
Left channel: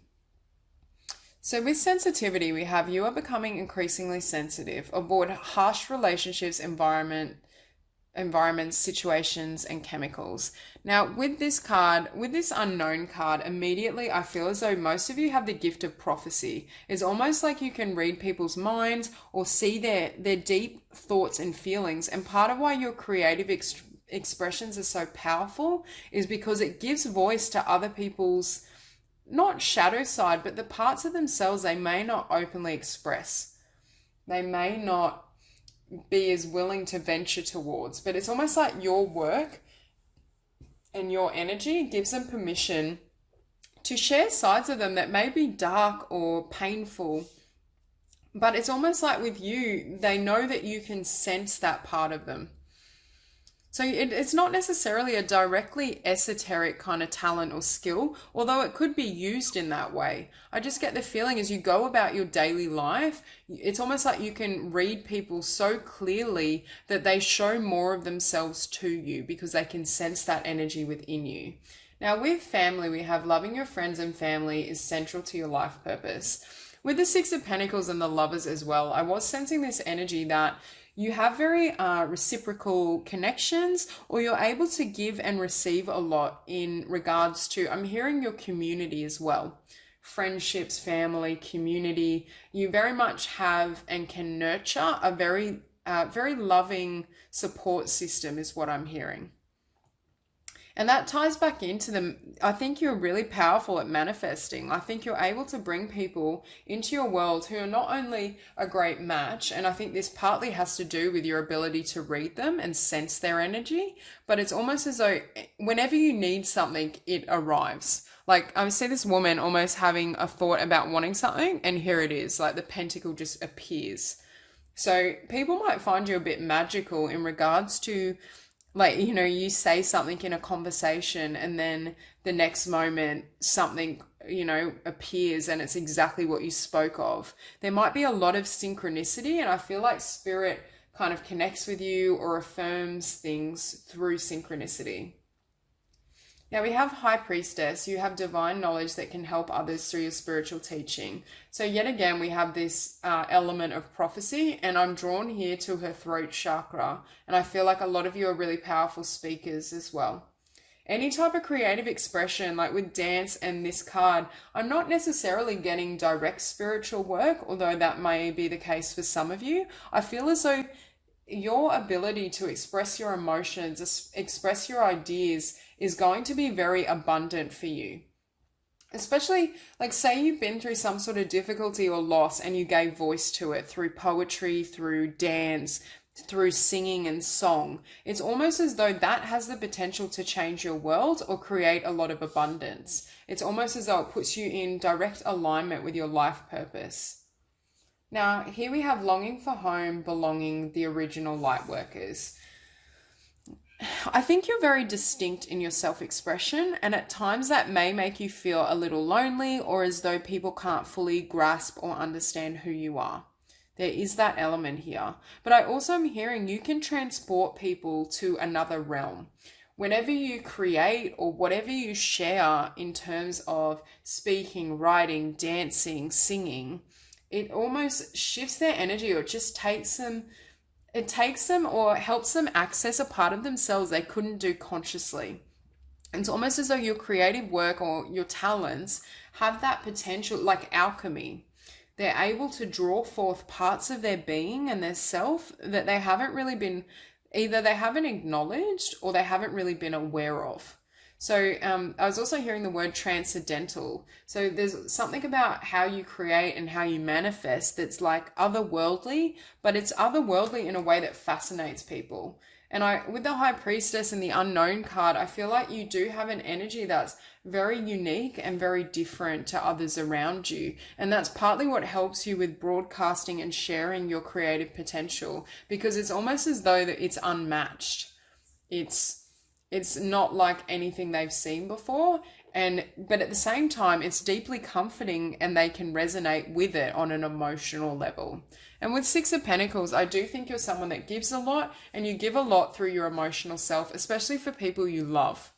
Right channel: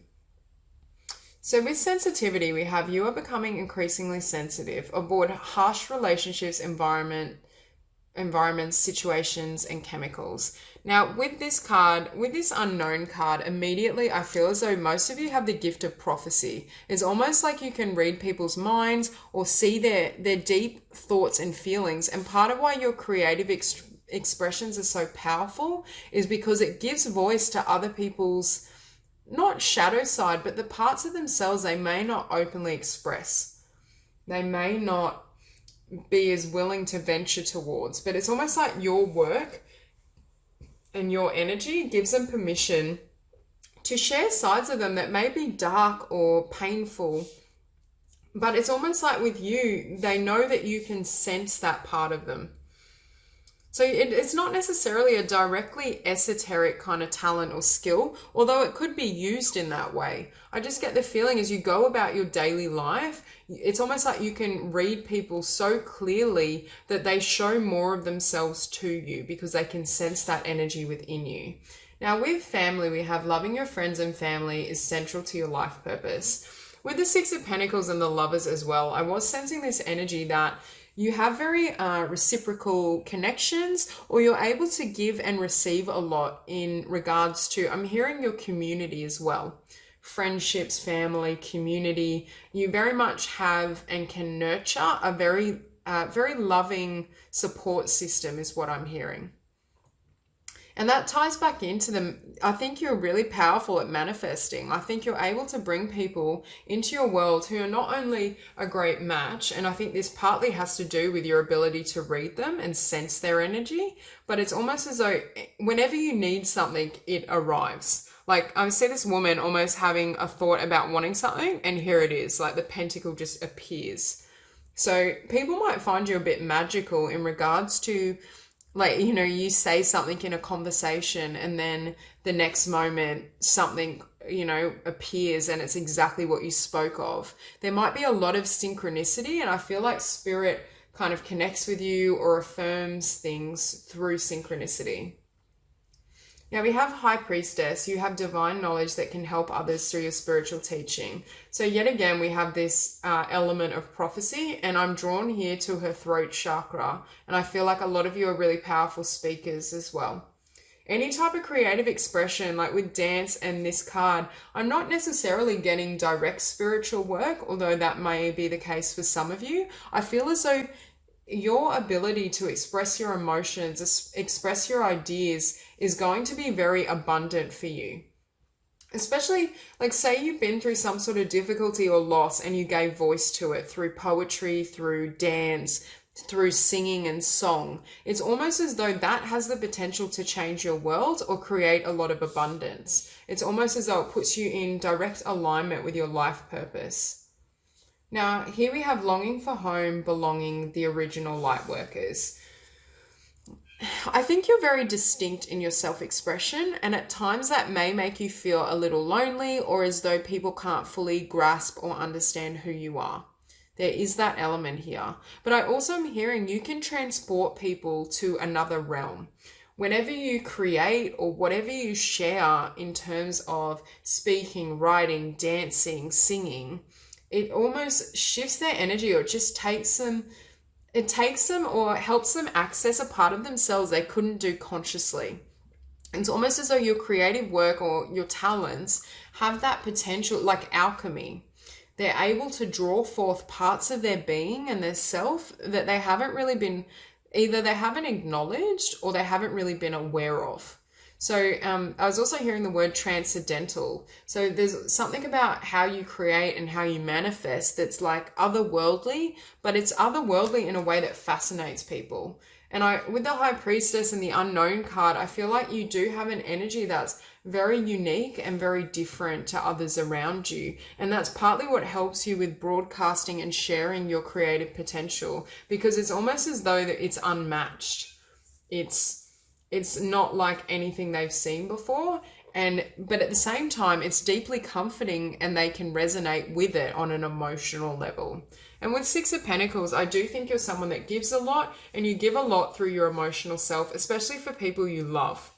So with sensitivity, we have you are becoming increasingly sensitive aboard harsh relationships, environments, situations, and chemicals. Now, with this unknown card, immediately I feel as though most of you have the gift of prophecy. It's almost like you can read people's minds or see their deep thoughts and feelings. And part of why your creative expressions are so powerful is because it gives voice to other people's not shadow side, but the parts of themselves they may not openly express. They may not be as willing to venture towards, but it's almost like your work and your energy gives them permission to share sides of them that may be dark or painful. But it's almost like with you, they know that you can sense that part of them. So it's not necessarily a directly esoteric kind of talent or skill, although it could be used in that way. I just get the feeling as you go about your daily life, it's almost like you can read people so clearly that they show more of themselves to you because they can sense that energy within you. Now with family, we have loving your friends and family is central to your life purpose. With the Six of Pentacles and the Lovers as well, I was sensing this energy that you have very reciprocal connections, or you're able to give and receive a lot in regards to, I'm hearing your community as well. Friendships, family, community. You very much have and can nurture a very loving support system is what I'm hearing. And that ties back into them. I think you're really powerful at manifesting. I think you're able to bring people into your world who are not only a great match, and I think this partly has to do with your ability to read them and sense their energy, but it's almost as though whenever you need something, it arrives. Like I see this woman almost having a thought about wanting something, and here it is, like the pentacle just appears. So people might find you a bit magical in regards to, like, you know, you say something in a conversation and then the next moment something, you know, appears and it's exactly what you spoke of. There might be a lot of synchronicity, and I feel like spirit kind of connects with you or affirms things through synchronicity. Now we have High Priestess. You have divine knowledge that can help others through your spiritual teaching. So yet again, we have this element of prophecy, and I'm drawn here to her throat chakra. And I feel like a lot of you are really powerful speakers as well. Any type of creative expression, like with dance and this card, I'm not necessarily getting direct spiritual work, although that may be the case for some of you. I feel as though your ability to express your emotions, express your ideas is going to be very abundant for you. Especially, like, say you've been through some sort of difficulty or loss and you gave voice to it through poetry, through dance, through singing and song. It's almost as though that has the potential to change your world or create a lot of abundance. It's almost as though it puts you in direct alignment with your life purpose. Now, here we have longing for home, belonging, the original light workers. I think you're very distinct in your self-expression, and at times that may make you feel a little lonely or as though people can't fully grasp or understand who you are. There is that element here. But I also am hearing you can transport people to another realm. Whenever you create or whatever you share in terms of speaking, writing, dancing, singing, it almost shifts their energy, or it just takes them or helps them access a part of themselves they couldn't do consciously. It's almost as though your creative work or your talents have that potential, like alchemy. They're able to draw forth parts of their being and their self that they haven't really been, either they haven't acknowledged or they haven't really been aware of. So I was also hearing the word transcendental. So there's something about how you create and how you manifest that's like otherworldly, but it's otherworldly in a way that fascinates people. And with the High Priestess and the Unknown card, I feel like you do have an energy that's very unique and very different to others around you. And that's partly what helps you with broadcasting and sharing your creative potential, because it's almost as though that it's unmatched. It's not like anything they've seen before, but at the same time, it's deeply comforting and they can resonate with it on an emotional level. And with Six of Pentacles, I do think you're someone that gives a lot, and you give a lot through your emotional self, especially for people you love.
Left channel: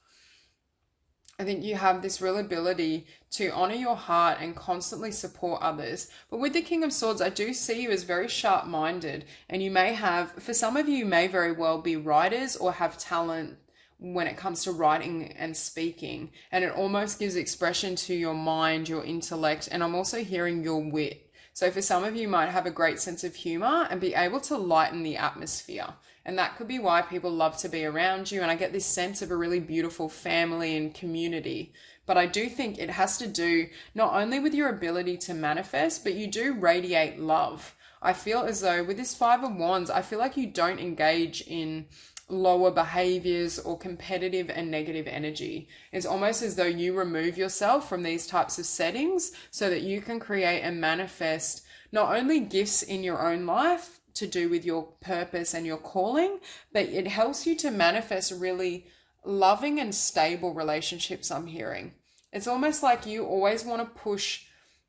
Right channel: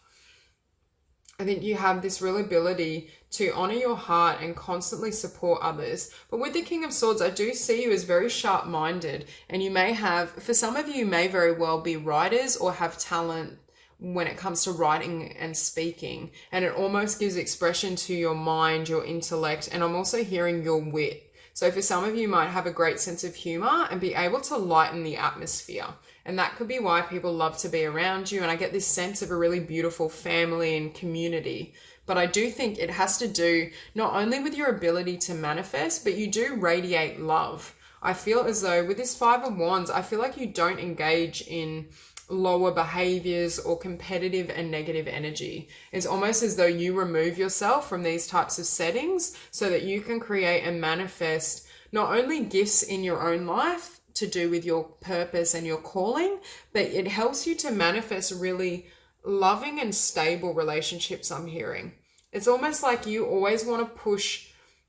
I think you have this real ability to honor your heart and constantly support others. But with the King of Swords, I do see you as very sharp-minded, and you may have, for some of you may very well be writers or have talent when it comes to writing and speaking, and it almost gives expression to your mind, your intellect, and I'm also hearing your wit. So for some of you might have a great sense of humor and be able to lighten the atmosphere, and that could be why people love to be around you. And I get this sense of a really beautiful family and community, But I do think it has to do not only with your ability to manifest, but you do radiate love. I feel as though with this Five of Wands, I feel like you don't engage in lower behaviors or competitive and negative energy. It's almost as though you remove yourself from these types of settings so that you can create and manifest not only gifts in your own life to do with your purpose and your calling, but it helps you to manifest really loving and stable relationships, I'm hearing. It's almost like you always want to push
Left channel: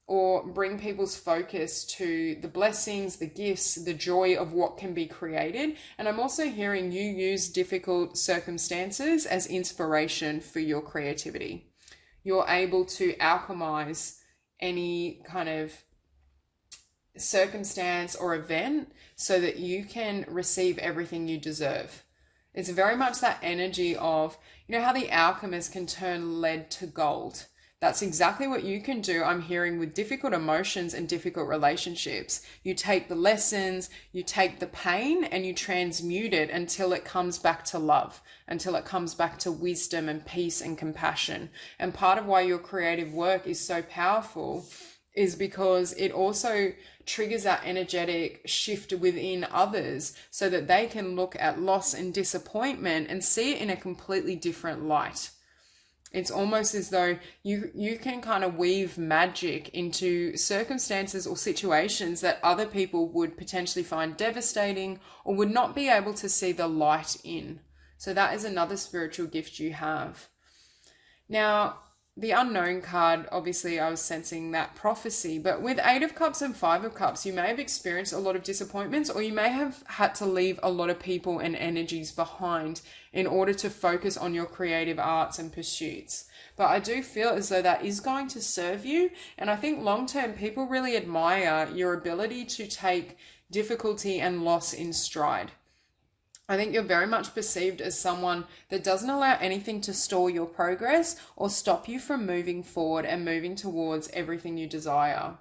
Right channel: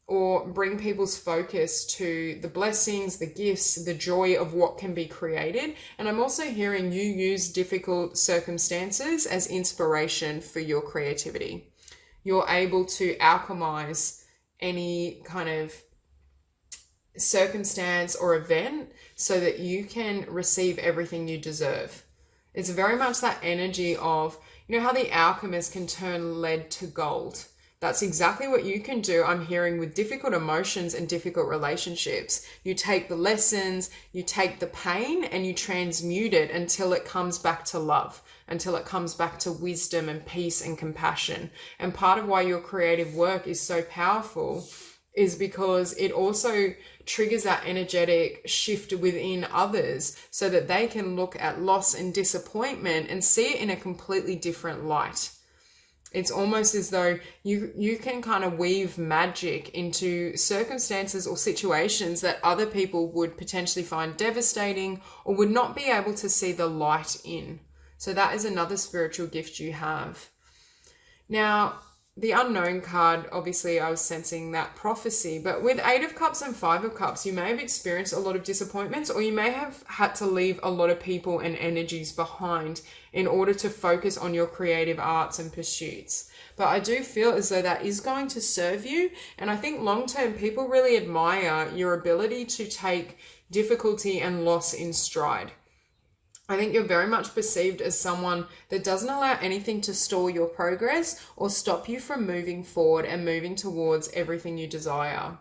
or bring people's focus to the blessings, the gifts, the joy of what can be created. And I'm also hearing you use difficult circumstances as inspiration for your creativity. You're able to alchemize any kind of circumstance or event so that you can receive everything you deserve. It's very much that energy of, you know how the alchemist can turn lead to gold. That's exactly what you can do, I'm hearing, with difficult emotions and difficult relationships. You take the lessons, you take the pain, and you transmute it until it comes back to love, until it comes back to wisdom and peace and compassion. And part of why your creative work is so powerful is because it also triggers that energetic shift within others so that they can look at loss and disappointment and see it in a completely different light. It's almost as though you can kind of weave magic into circumstances or situations that other people would potentially find devastating or would not be able to see the light in. So that is another spiritual gift you have. Now, the unknown card, obviously I was sensing that prophecy, but with Eight of Cups and Five of Cups, you may have experienced a lot of disappointments, or you may have had to leave a lot of people and energies behind in order to focus on your creative arts and pursuits. But I do feel as though that is going to serve you. And I think long-term people really admire your ability to take difficulty and loss in stride. I think you're very much perceived as someone that doesn't allow anything to stall your progress or stop you from moving forward and moving towards everything you desire.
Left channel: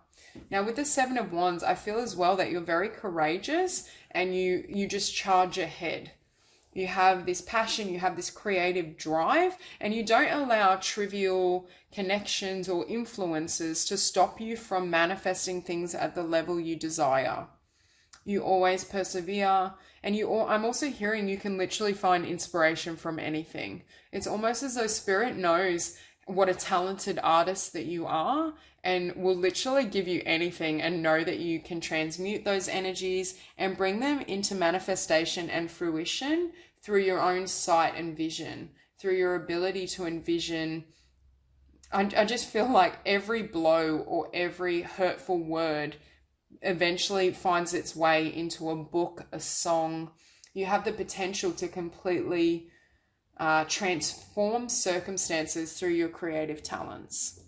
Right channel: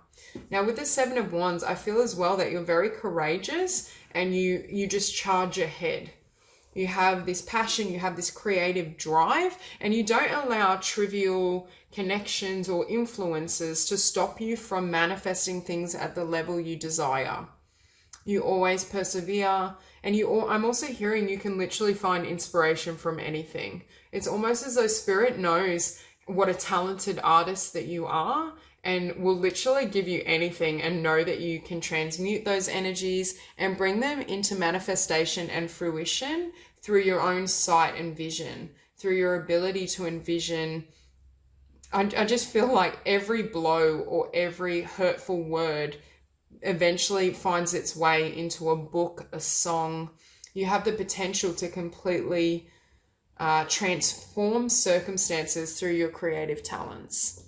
Now, with the Seven of Wands, I feel as well that you're very courageous and you just charge ahead. You have this passion, you have this creative drive, and you don't allow trivial connections or influences to stop you from manifesting things at the level you desire. You always persevere. And I'm also hearing you can literally find inspiration from anything. It's almost as though Spirit knows what a talented artist that you are and will literally give you anything and know that you can transmute those energies and bring them into manifestation and fruition through your own sight and vision, through your ability to envision. I just feel like every blow or every hurtful word eventually finds its way into a book, a song. You have the potential to completely transform circumstances through your creative talents.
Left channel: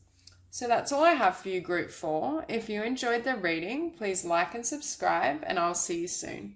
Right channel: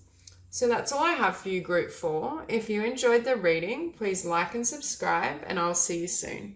So that's all I have for you, Group 4. If you enjoyed the reading, please like and subscribe, and I'll see you soon.